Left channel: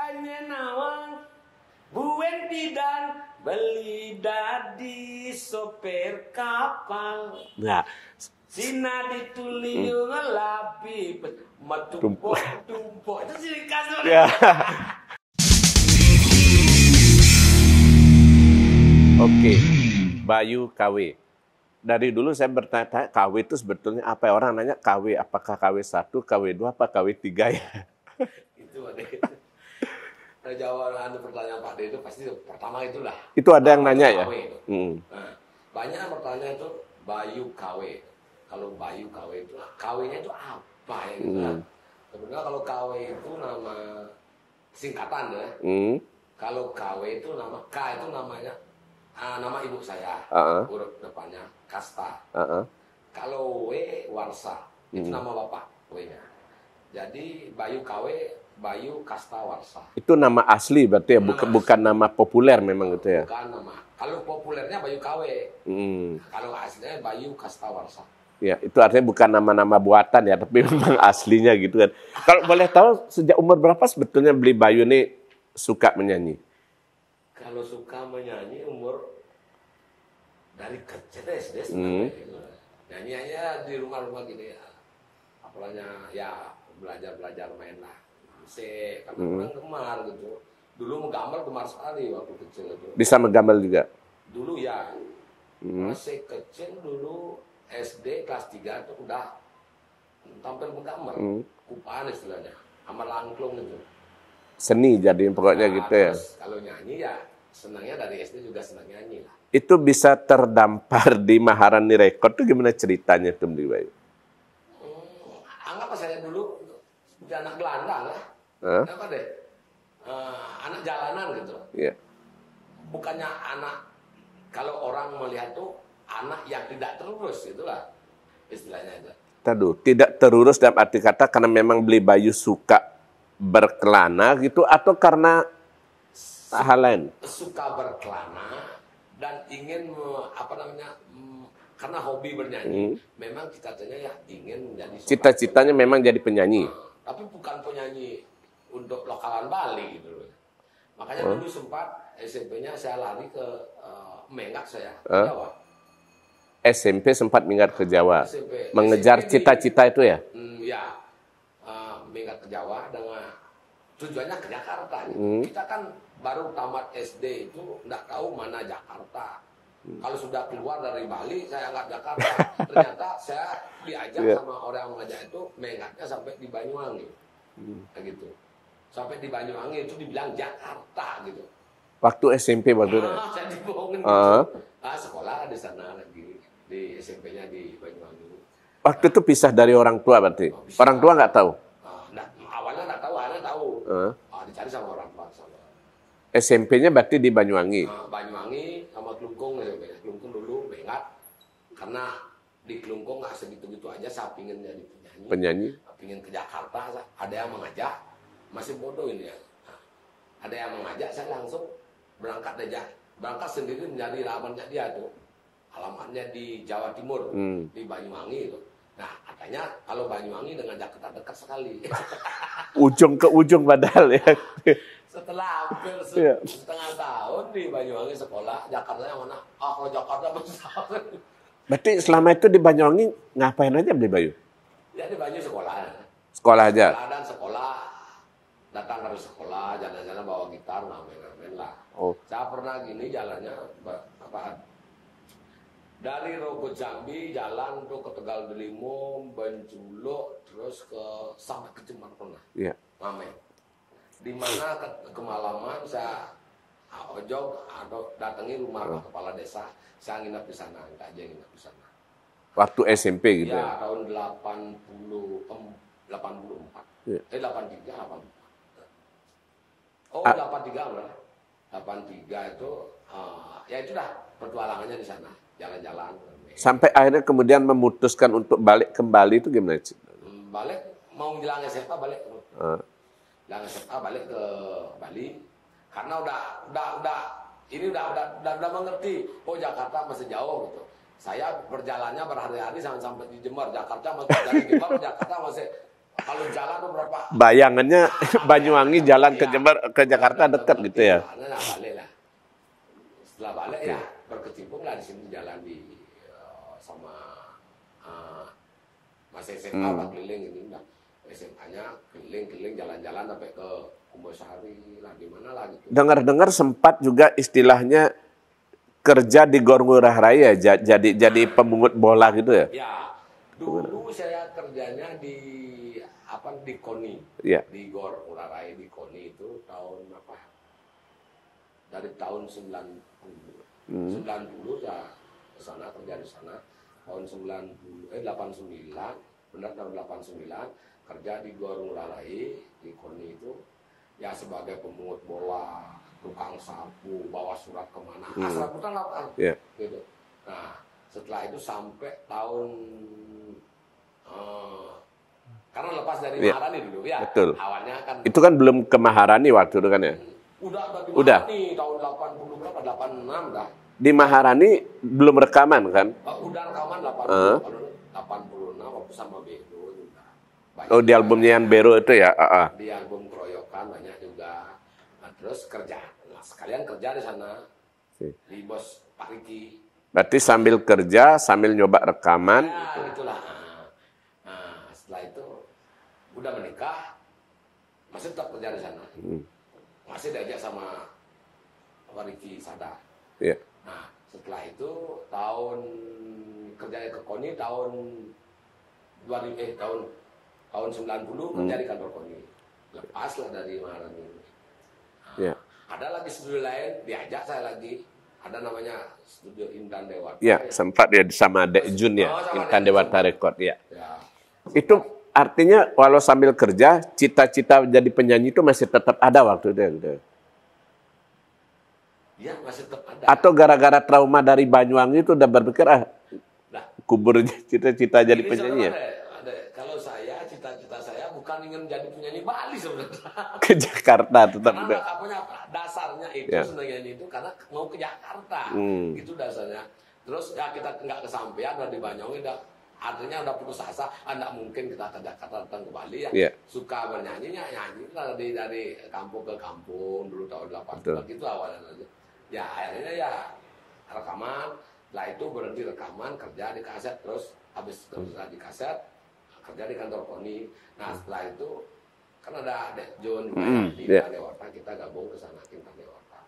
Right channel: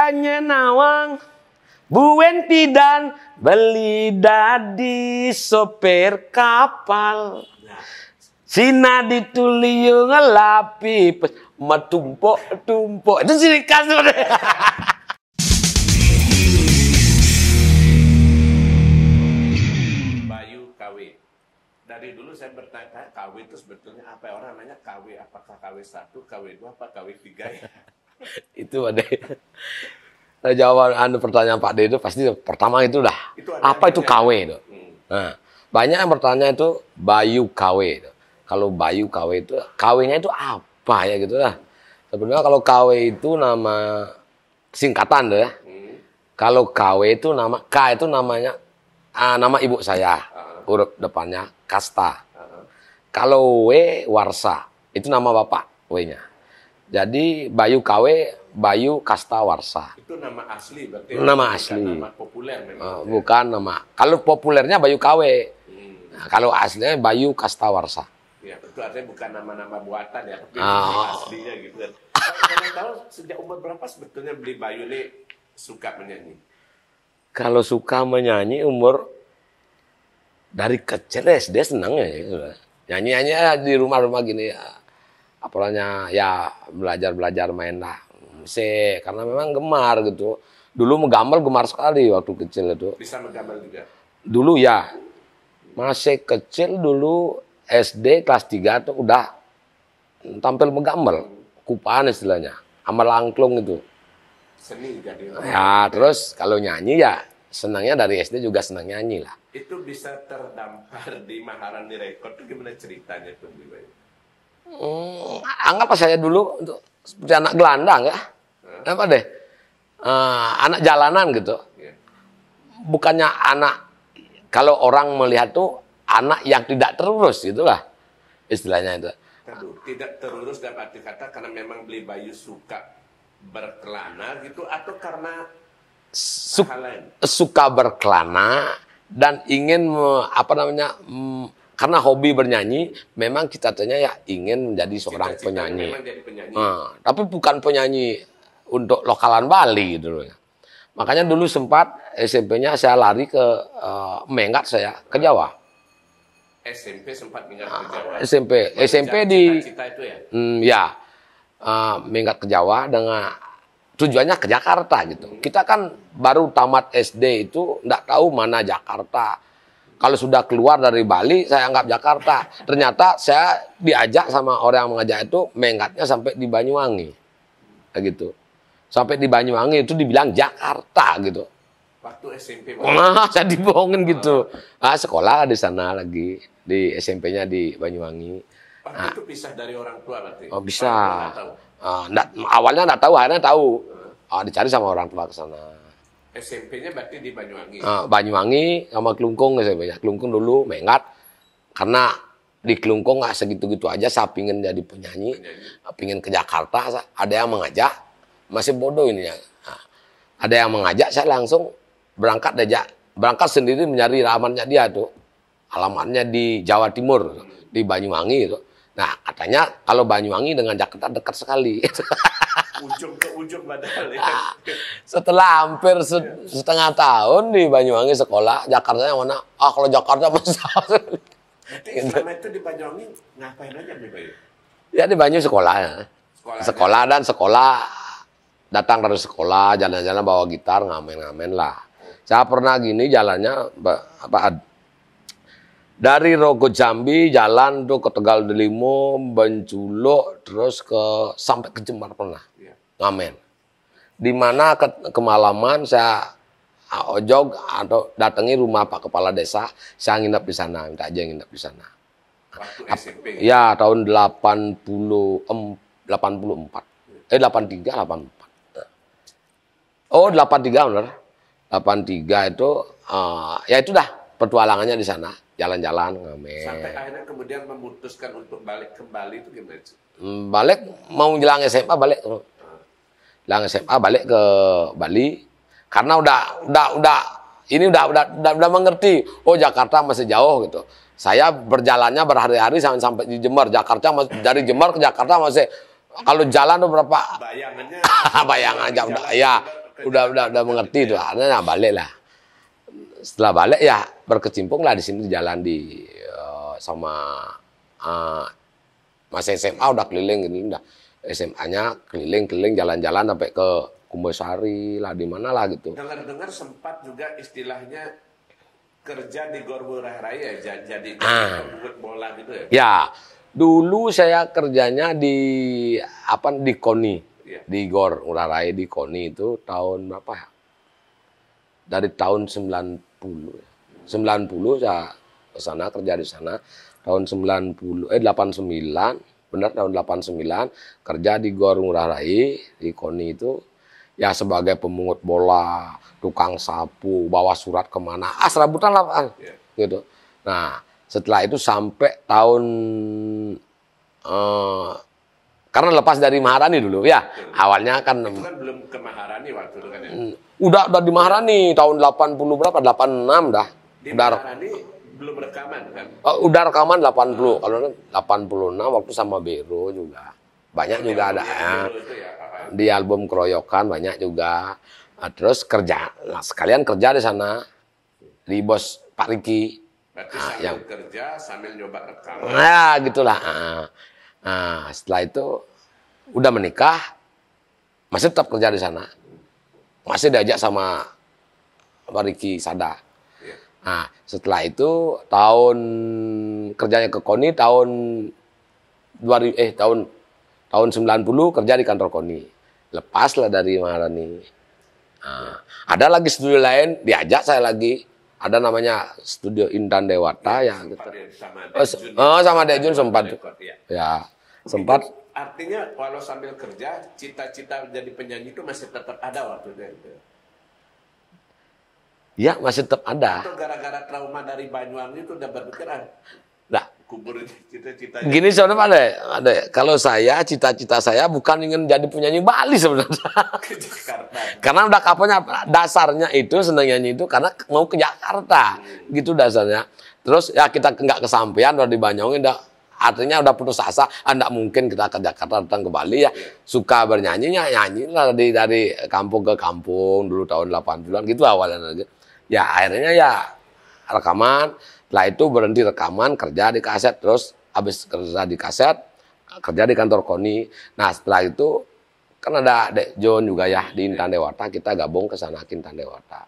Anya nawang buen pidan beli dadi sopir kapal. Nah, Sina dituliu ngelapi matumpuk-tumpuk. Itu ciri khas. Oke, Bayu KW. Dari dulu saya bertanya, KW itu sebetulnya apa? Orang nanya KW, apakah KW 1, KW 2, apa KW 3 ya? Itu ada. Nah, jawaban pertanyaan Pak D itu pasti pertama itu dah. Itu ada yang apa itu nanya, KW ya? itu? Nah, banyak yang bertanya itu Bayu KW itu. Kalau Bayu KW itu KW-nya itu apa ya gitu lah. Sebenarnya kalau KW itu nama singkatan tuh ya. Kalau KW itu nama K itu namanya nama ibu saya. Huruf depannya Kasta. Kalau W Warsa itu nama bapak W-nya. Jadi Bayu KW, Bayu Kasta Warsa. Itu nama asli berarti, nama bukan asli. nama populer memang. Bukan nama. Kalau populernya Bayu KW. Nah, kalau aslinya Bayu Kasta Warsa. Ya, itu artinya bukan nama-nama buatan ya, tapi memang aslinya gitu kan. Kalau boleh tahu sejak umur berapa sebetulnya beli Bayu ini suka menyanyi? Kalau suka menyanyi umur dari kecil SD senangnya ya. Nyanyi-nyanyi di rumah-rumah gini ya. Apalanya ya belajar main lah musik karena memang gemar gitu. Dulu menggambar gemar sekali waktu kecil itu. Bisa menggambar juga? Dulu ya. Masih kecil dulu SD kelas 3 tuh udah tampil menggambar. Kupaan istilahnya. Amal angklung itu. Seni jadi pokoknya Ya, gitu. terus kalau nyanyi ya senangnya dari SD juga senang nyanyi lah. Itu bisa terdampar di Maharani Record tuh gimana ceritanya tuh beli Bayu? Anggap saya dulu untuk seperti anak gelandang ya. Apa deh? Anak jalanan gitu. Bukannya anak, kalau orang melihat tuh anak yang tidak terurus gitulah istilahnya itu. Taduh, tidak terurus dalam arti kata karena memang beli Bayu suka berkelana gitu atau karena hal lain? Suka berkelana dan ingin karena hobi bernyanyi, memang cita-citanya ya ingin menjadi seorang penyanyi. Cita-citanya memang jadi penyanyi. Tapi bukan penyanyi untuk lokalan Bali gitu loh. Makanya dulu sempat SMP-nya saya lari ke Menggat saya ke Jawa. SMP sempat minggat ke Jawa. SMP Mengejar cita-cita itu ya? Ya, minggat ke Jawa dengan tujuannya ke Jakarta gitu. Kita kan baru tamat SD itu nggak tahu mana Jakarta. Kalau sudah keluar dari Bali, saya anggap Jakarta. Ternyata saya diajak sama orang yang mengajak itu menggatnya sampai di Banyuwangi, gitu. Sampai di Banyuwangi itu dibilang Jakarta gitu. Waktu SMP waktu saya dibohongin gitu. Sekolah di sana lagi di SMP-nya di Banyuwangi. Waktu itu pisah dari orang tua berarti. Bisa. Orang tua nggak tahu. Awalnya nggak tahu, akhirnya tahu. Dicari sama orang tua ke sana. SMP-nya berarti di Banyuwangi. Banyuwangi sama Kelungkung SMP-nya. Kelungkung dulu Menggat karena di Kelungkung nggak segitu-gitu aja. Saya pingin jadi penyanyi. Pingin ke Jakarta. Ada yang mengajak. Masih bodoh ini ya. Ada yang mengajak, saya langsung berangkat aja. Berangkat sendiri mencari alamatnya dia tuh. Alamatnya di Jawa Timur, di Banyuwangi itu. Nah, katanya kalau Banyuwangi dengan Jakarta dekat sekali. Ujung ke ujung padahal ya. Setelah hampir setengah tahun di Banyuwangi sekolah, Jakarta yang mana? Kalau Jakarta besar. Berarti selama itu di Banyuwangi ngapain aja beli Bayu? Ya di Banyu sekolah. Sekolah dan sekolah. Datang dari sekolah, jalan-jalan bawa gitar, ngamen-ngamen lah. Saya pernah gini jalannya dari Rogo Jambi jalan tuh ke Tegal Delimo, Benculo, terus sampai ke Jember pernah. Ngamen. Di mana kemalaman saya ojog atau datangi rumah Pak Kepala Desa, saya nginep di sana, minta aja nginep di sana. Waktu SMP gitu. Ya, tahun 83, 84. 83 benar. 83 itu ya itu dah petualangannya di sana, jalan-jalan ngamen. Sampai akhirnya kemudian memutuskan untuk balik kembali itu gimana? Balik mau bilang SMA balik. Bilang SMA balik ke Bali karena udah mengerti. Oh, Jakarta masih jauh gitu. Saya berjalannya berhari-hari sampai di Jember. Dari Jember ke Jakarta masih Kalau jalan tuh berapa? Bayangannya Banyuwangi jalan ke Jember ke Jakarta udah dekat mengerti gitu ya. lah. Nah, balik lah. Setelah balik ya berkecimpung lah di sini jalan di sama masih SMA udah keliling gitu, udah SMA-nya keliling-keliling jalan-jalan sampai ke Kumbasari lah di mana lah gitu. Dengar-dengar sempat juga istilahnya kerja di Gor Ngurah Rai ya, jadi pemungut bola gitu ya. Ya, dulu saya kerjanya di KONI. Ya. Di Gor Ngurah Rai di KONI itu tahun berapa ya? Dari tahun 90. 90 saya ke sana kerja di sana. Tahun 89, benar tahun 89 kerja di Gor Ngurah Rai di KONI itu ya sebagai pemungut bola, tukang sapu, bawa surat kemana, serabutan lah, gitu. Nah, setelah itu sampai tahun karena lepas dari Maharani dulu ya. Betul. Awalnya kan itu kan belum ke Maharani waktu itu kan ya. Udah di Maharani tahun 80 berapa? 86 dah. Di Maharani belum rekaman kan? Udah rekaman 80. Kalau 86 waktu sama Bero juga. Banyak di albumnya yang Bero itu ya? Di album Keroyokan banyak juga. Nah, terus kerja. Nah, sekalian kerja di sana. Di bos Pak Riki. Berarti sambil kerja, sambil nyoba rekaman. Nah, gitulah. Nah, setelah itu udah menikah. Masih tetap kerja di sana. Masih diajak sama Pak Riki Sada. Iya. Nah, setelah itu tahun kerjanya ke KONI tahun 90 kerja di kantor KONI. Lepaslah dari Maharani. Nah, ada lagi studio lain, diajak saya lagi. Ada namanya Studio Intan Dewata. Ya, sempat dia sama Dek Jun ya. Sama Dek Jun sempat. Ya, sempat. Itu artinya walau sambil kerja, cita-cita jadi penyanyi itu masih tetap ada waktu itu. Gitu. Ya, masih tetap ada. Atau gara-gara trauma dari Banyuwangi itu udah berpikir, kubur cita-cita jadi gini sebenarnya ada. Kalau saya, cita-cita saya bukan ingin jadi penyanyi Bali sebenarnya. Ke Jakarta. Karena udah kaponya dasarnya itu senang nyanyi itu karena mau ke Jakarta. Gitu dasarnya. Terus ya kita nggak kesampaian udah di Banyuwangi artinya udah putus asa, enggak mungkin kita ke Jakarta datang ke Bali ya. Suka bernyanyinya nyanyi lah dari kampung ke kampung dulu tahun 80-an gitu awalnya aja. Ya akhirnya ya rekaman. Setelah itu berhenti rekaman, kerja di kaset, terus habis kerja di kaset, kerja di kantor KONI. Nah setelah itu kan ada Dek John juga ya di Intan Dewata, kita gabung ke sana Intan Dewata.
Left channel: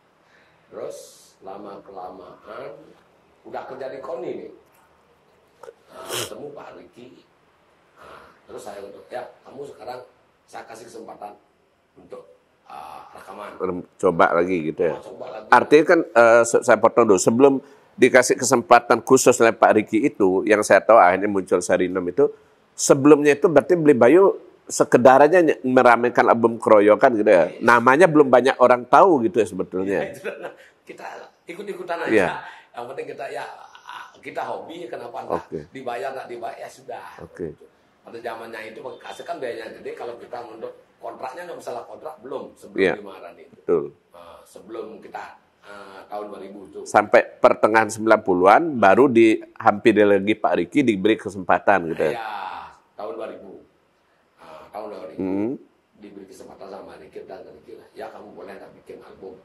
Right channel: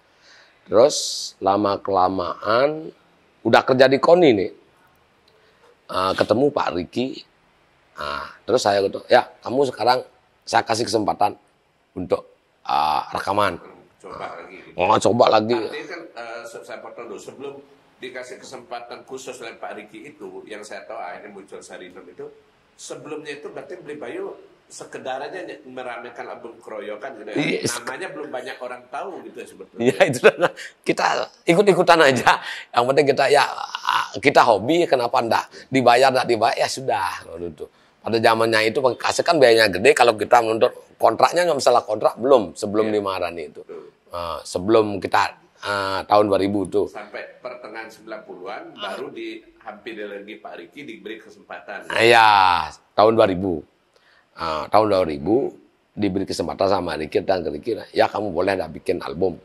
Terus lama-kelamaan udah kerja di KONI nih, ketemu Pak Riki. Terus saya gitu, ya kamu sekarang saya kasih kesempatan untuk rekaman. Coba lagi gitu. Coba lagi. Artinya kan saya potong dulu, sebelum dikasih kesempatan khusus oleh Pak Riki itu, yang saya tahu akhirnya muncul Sarinom itu, sebelumnya itu berarti Beli Bayu sekedar aja meramaikan album Keroyokan gitu ya. Namanya belum banyak orang tahu gitu ya sebetulnya. Ya itu kita ikut-ikutan aja. Yang penting kita hobi, kenapa enggak? Dibayar ya sudah. Gitu. Pada zamannya itu kaset kan biayanya gede, kalau kita menuntut kontraknya nggak masalah kontrak belum sebelum di Maharani itu. Sebelum kita tahun 2000 itu. Sampai pertengahan 90-an baru hampir lagi Pak Riki diberi kesempatan. Gitu. Iya, tahun 2000. Tahun 2000 diberi kesempatan sama Riki dan Riki, ya kamu boleh dah bikin album.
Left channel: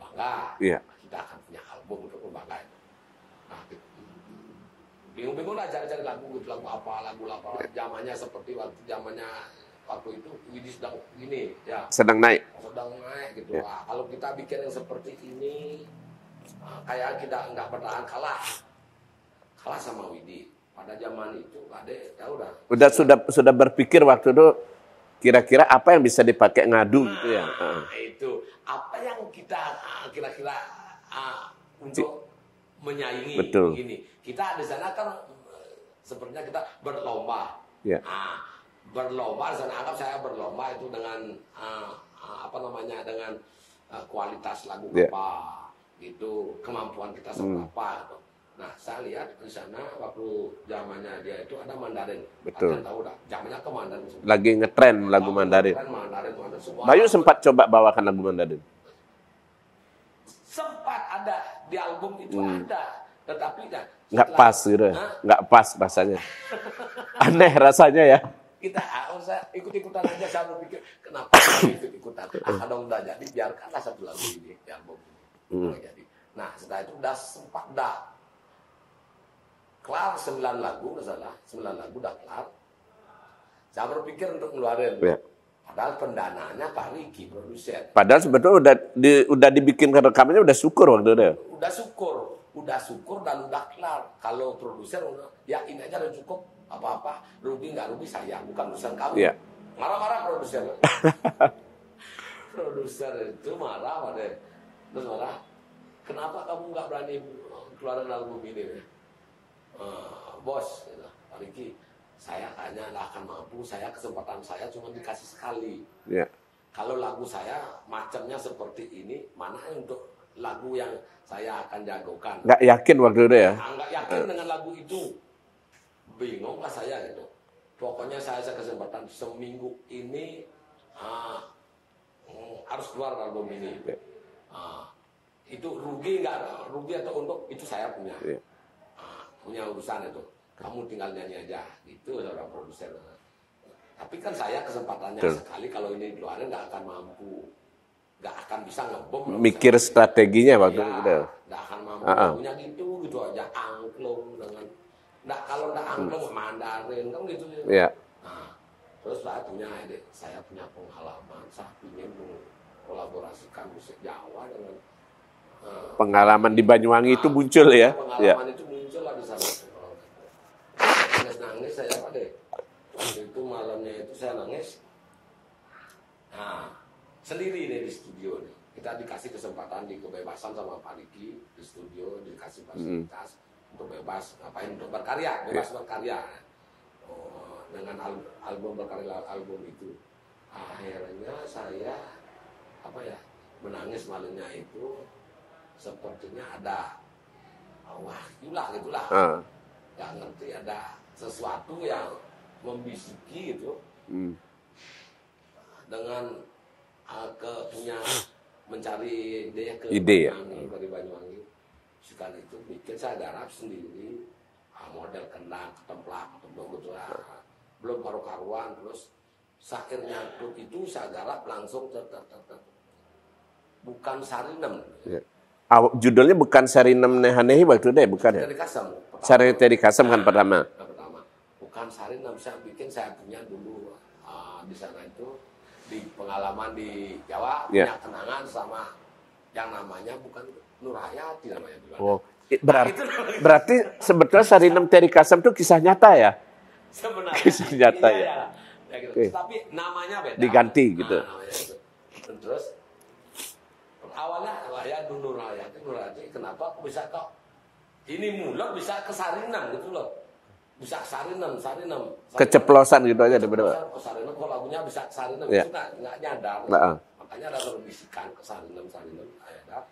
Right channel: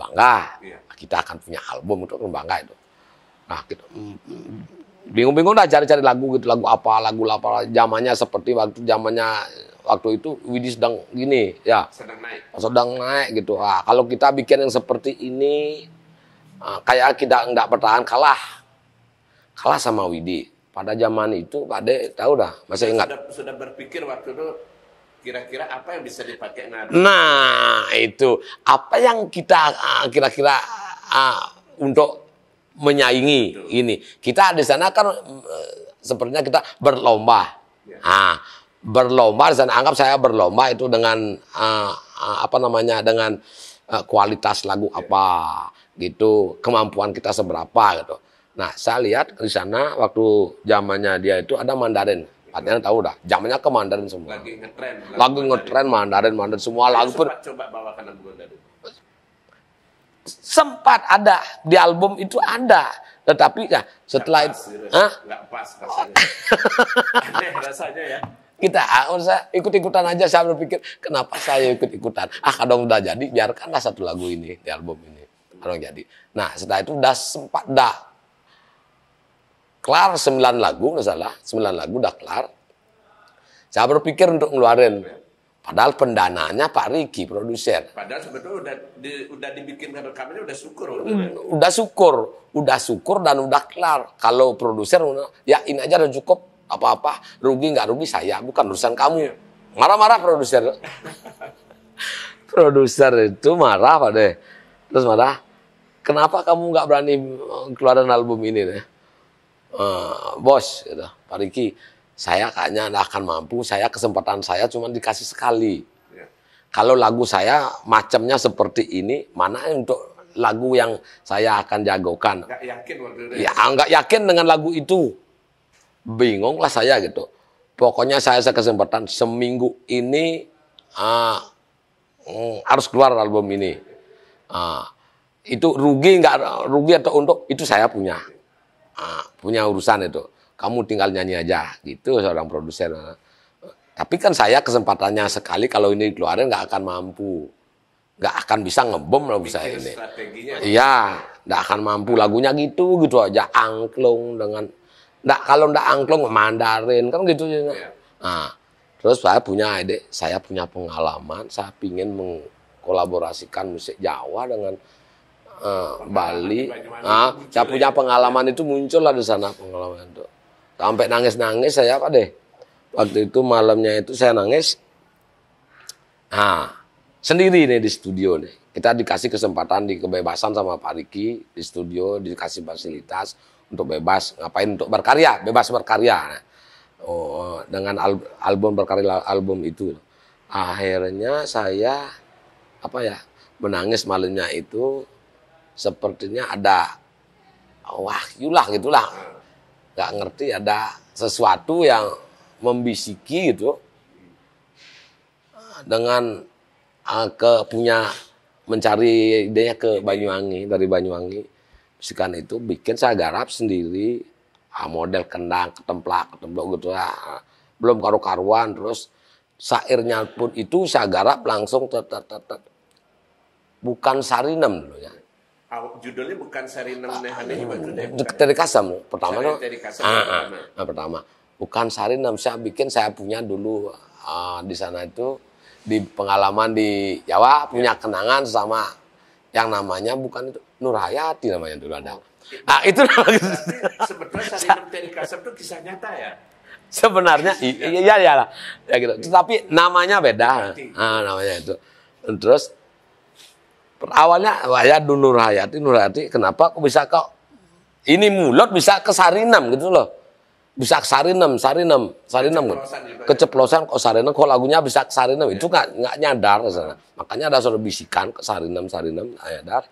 Bangga. Kita akan punya album untuk bangga itu. Nah, kita bingung-bingung dah cari-cari lagu gitu, lagu apa zamannya seperti waktu itu Widi sedang gini ya, sedang naik gitu. Kalau kita bikin yang seperti ini kayak kita nggak bertahan, kalah sama Widi pada zaman itu. Pak De tahu dah, sudah berpikir waktu itu kira-kira apa yang bisa dipakai ngadu. Nah itu apa yang kita kira-kira untuk menyaingi. Betul. Ini kita di sana kan sepertinya kita berlomba. Berlomba di sana, anggap saya berlomba itu dengan dengan kualitas lagu apa gitu, kemampuan kita seberapa gitu. Nah saya lihat di sana waktu zamannya dia itu ada Mandarin. Artinya tahu dah zamannya ke Mandarin semua. Lagi ngetren lagu Mandarin semua. Bayu sempat coba bawakan lagu Mandarin. Sempat ada di album itu ada, tetapi ya setelah nggak pas rasanya. Aneh rasanya ya. Kita saya ikut-ikutan aja, saya berpikir kenapa saya ikut-ikutan. Kalau udah jadi biarkanlah satu lagu ini di album ini. Kalau jadi. Nah, setelah itu udah kelar 9 lagu, nggak salah. 9 lagu udah kelar. Saya berpikir untuk ngeluarin. Ya. Padahal pendananya Pak Riki, produser. Padahal sebetulnya udah dibikin rekamannya udah syukur waktu itu. Udah syukur dan udah kelar. Kalau produser ya ini aja udah cukup, apa-apa rugi nggak rugi saya, bukan urusan kamu. Ya. Marah-marah produser. Produser itu marah Pak deh. Terus marah, kenapa kamu nggak berani keluarin album ini deh? Bos, gitu. Pak Riki, saya kayaknya nggak akan mampu. Kesempatan saya cuma dikasih sekali. Ya. Kalau lagu saya macamnya seperti ini, mana untuk lagu yang saya akan jagokan? Nggak yakin waktu itu ya? Nggak yakin dengan lagu itu. Bingung lah saya gitu. Pokoknya saya kesempatan seminggu ini harus keluar album ini. Itu rugi nggak rugi atau untung itu saya punya. Punya urusan itu. Kamu tinggal nyanyi aja gitu seorang produser. Tapi kan saya kesempatannya sekali, kalau ini keluarin nggak akan mampu. Nggak akan bisa ngebom lagu Mikir saya ini. strateginya waktu itu. Iya, nggak akan mampu. Lagunya gitu aja, angklung dengan kalau nggak angklung Mandarin kan gitu. Iya. Nah, terus saya punya ide, saya punya pengalaman, saya ingin mengkolaborasikan musik Jawa dengan Pengalaman Bali. di Banyuwangi itu muncul ya. Pengalaman itu muncul lah di sana, pengalaman itu. Sampai nangis-nangis saya Pak deh. Waktu itu malamnya itu saya nangis. Sendiri nih di studio nih. Kita dikasih kesempatan, kebebasan sama Pak Riki di studio, dikasih fasilitas untuk bebas ngapain, untuk berkarya, bebas berkarya. Dengan album berkarya album itu. Akhirnya saya menangis malamnya itu, sepertinya ada wahyu lah gitulah. Nggak ngerti, ada sesuatu yang membisiki gitu. Dengan punya mencari idenya ke Banyuwangi, dari Banyuwangi. Bisikan itu bikin saya garap sendiri, model kendang, ketemplak gitu lah. Belum karu-karuan, terus syairnya pun itu saya garap langsung bukan Sarinem dulu ya. Judulnya bukan Sarinem Nehanehi waktu itu ya? Bukan Teri Kasem pertama. Teri Kasem yang pertama. Pertama. Bukan Sarinem, saya punya dulu di sana itu, di pengalaman di Jawa, punya kenangan sama yang namanya bukan itu, Nur Hayati namanya dulu ada. Itu berarti sebetulnya Sarinem Teri Kasem itu kisah nyata ya? Sebenarnya iya lah. Ya gitu. Tapi namanya beda. Diganti gitu. Namanya itu. Terus awalnya ya Nur Hayati, kenapa kok bisa ini mulut bisa ke Sarinem gitu loh. Bisa ke Sarinem. Keceplosan gitu aja. Keceplosan kok Sarinem, kok lagunya bisa ke Sarinem. Itu nggak nyadar. Makanya ada suara bisikan ke Sarinem, nyadar.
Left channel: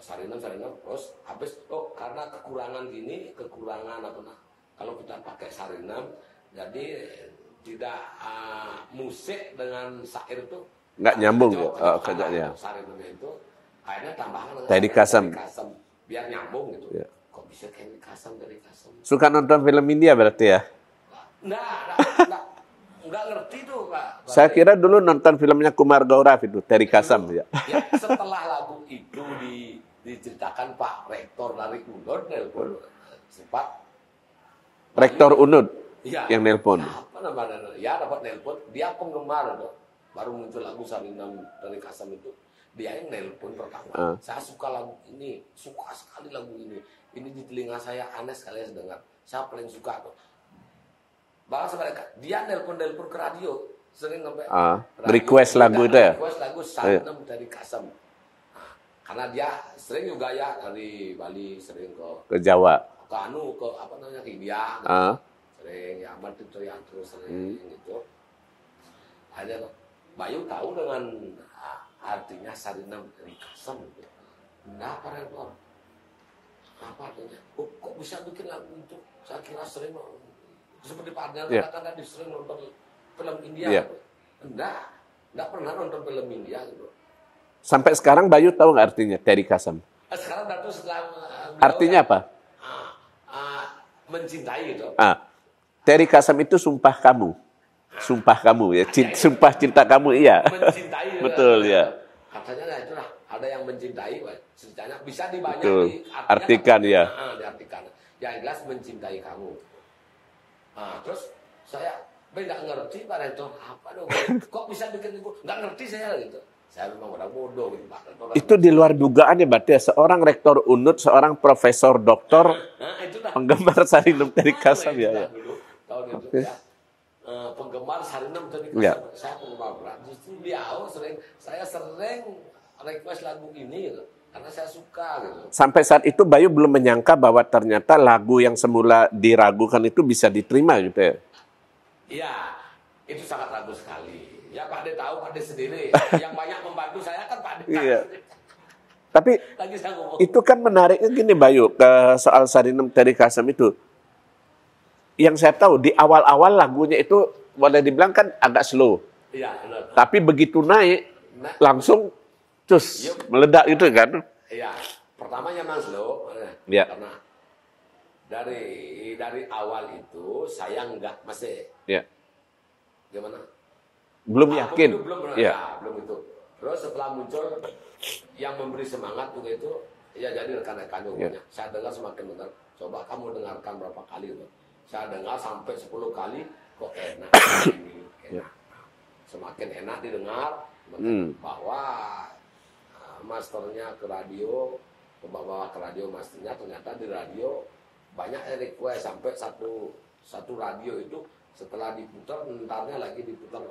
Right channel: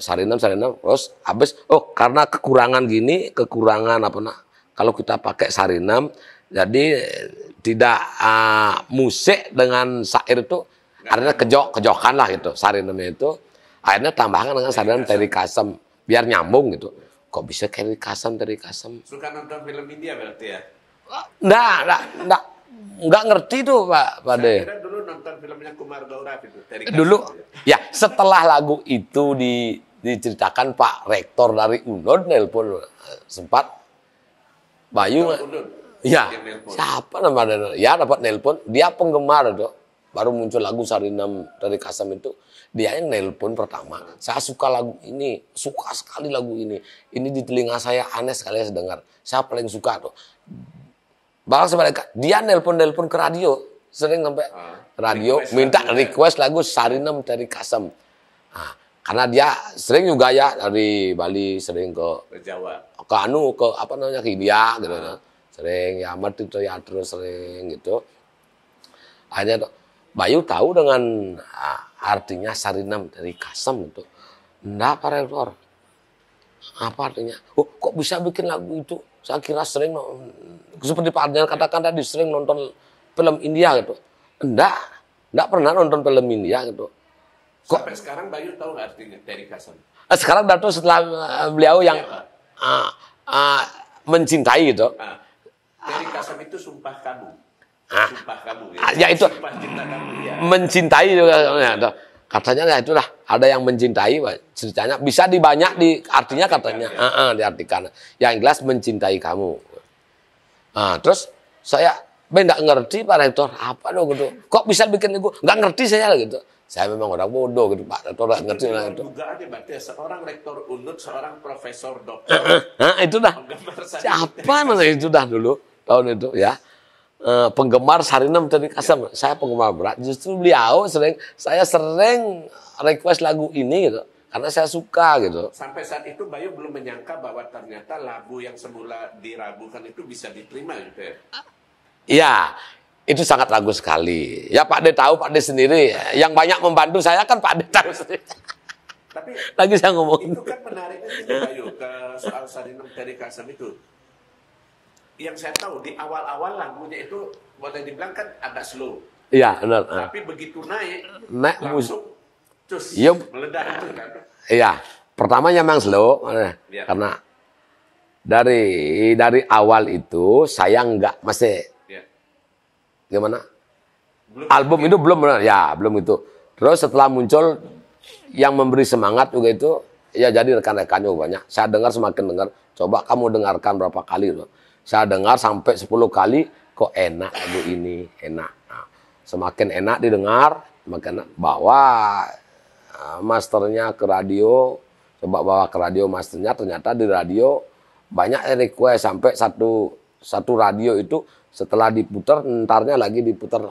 Sarinem, terus habis, karena kekurangan kalau kita pakai Sarinem, jadi tidak musik dengan syair itu karena kejokan lah gitu. Sarinamnya itu akhirnya tambahkan dengan Sarinem Teri Kasem biar nyambung gitu. Kok bisa Teri Kasem? Suka nonton film India berarti ya? Nggak ngerti tuh Pak. Saya kira dulu nonton filmnya Kumar Gaurav itu, Teri Kasem. Dulu, ya setelah lagu itu diceritakan Pak Rektor dari UNUD nelpon sempat. Rektor UNUD yang nelpon. Siapa namanya? Ya dapat nelpon, dia penggemar itu. Baru muncul lagu Sarinem Teri Kasem itu, dia yang nelpon pertama. Saya suka lagu ini, suka sekali lagu ini. Ini di telinga saya aneh sekali saya dengar. Saya paling suka tuh. Bahkan sebaliknya, dia nelpon ke radio, sering sampai radio request lagu Sarinem Teri Kasem. Karena dia sering juga ya dari Bali, sering ke Jawa, ke India gitu. Sering ya Martito Teatro sering gitu. Akhirnya Bayu tahu dengan artinya Sarinem Teri Kasem itu. Enggak, Pak Rektor. Apa artinya? Kok bisa bikin lagu itu? Saya kira sering, seperti Pak Ardian katakan tadi, sering nonton film India gitu. Enggak pernah nonton film India gitu. Sampai sekarang Bayu tahu nggak artinya Teri Kasem? Sekarang Dato setelah beliau artinya yang apa? Mencintai gitu. Teri Kasem itu sumpah kamu. Sumpah kamu ya, Ya itu. sumpah cinta kamu iya. Mencintai juga. Betul, Ya. ya. Katanya ya itulah, ada yang mencintai, ceritanya bisa dibanyak Betul. di artinya Artikan, katanya, ya. diartikan. Yang jelas mencintai kamu. Nah, terus saya nggak ngerti Pak Rektor, apa dong gitu. Kok bisa bikin itu? Nggak ngerti saya gitu. Saya memang orang bodoh gitu Pak Rektor. Itu di luar dugaan ya berarti ya, seorang rektor UNUD, seorang profesor doktor, Nah, itu dah. penggemar Sarinum Teri Siapa Kasem itu ya? dah dulu tahun itu ya. Penggemar Sarinum Teri Kasem. Saya penggemar berat. Justru beliau saya sering request lagu ini gitu. Karena saya suka gitu. Sampai saat itu Bayu belum menyangka bahwa ternyata lagu yang semula diragukan itu bisa diterima gitu ya. Iya, itu sangat ragu sekali. Ya Pak De tahu, Pak De sendiri. Yang banyak membantu saya kan Pak De tahu Iya. sendiri. Tapi Lagi saya ngomong. itu kan menariknya gini Bayu, ke soal Sarinum Teri Kasem itu. Yang saya tahu di awal-awal lagunya itu boleh dibilang kan agak slow. Iya, benar. Tapi begitu naik langsung cus Yup. meledak itu kan. Iya, pertamanya memang slow. Iya. Karena dari awal itu saya nggak masih Ya. gimana? Belum Album yakin. itu belum, Ya. ya belum itu. Terus setelah muncul yang memberi semangat juga itu, ya jadi rekan-rekannya banyak. Saya dengar semakin dengar. Coba kamu dengarkan berapa kali loh. Saya dengar sampai 10 kali, kok enak begini, enak. Nah, semakin enak didengar, semakin enak. Bawa masternya ke radio, coba bawa ke radio masternya, ternyata di radio banyak yang request sampai satu radio itu setelah diputar, entarnya lagi diputar.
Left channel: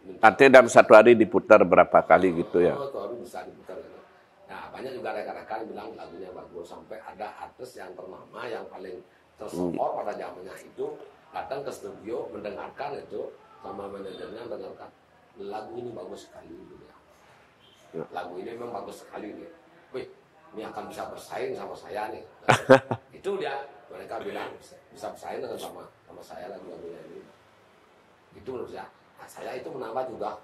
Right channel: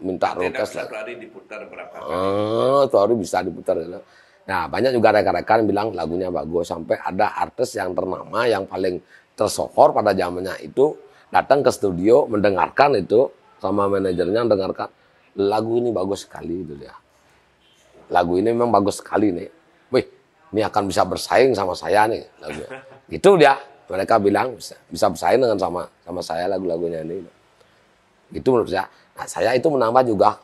Minta Artinya dalam request. satu hari diputar berapa kali gitu ya. Satu hari bisa diputar. Gitu. Nah, banyak juga rekan-rekan bilang lagunya bagus. Sampai ada artis yang ternama, yang paling tersohor pada zamannya itu, datang ke studio, mendengarkan itu, sama manajernya mendengarkan, lagu ini bagus sekali. Gitu ya. Lagu ini memang bagus sekali nih. Wih, ini akan bisa bersaing sama saya nih. Itu dia. Mereka bilang bisa bersaing dengan sama saya lagu-lagunya ini. Itu menurut saya. Nah, saya itu menambah juga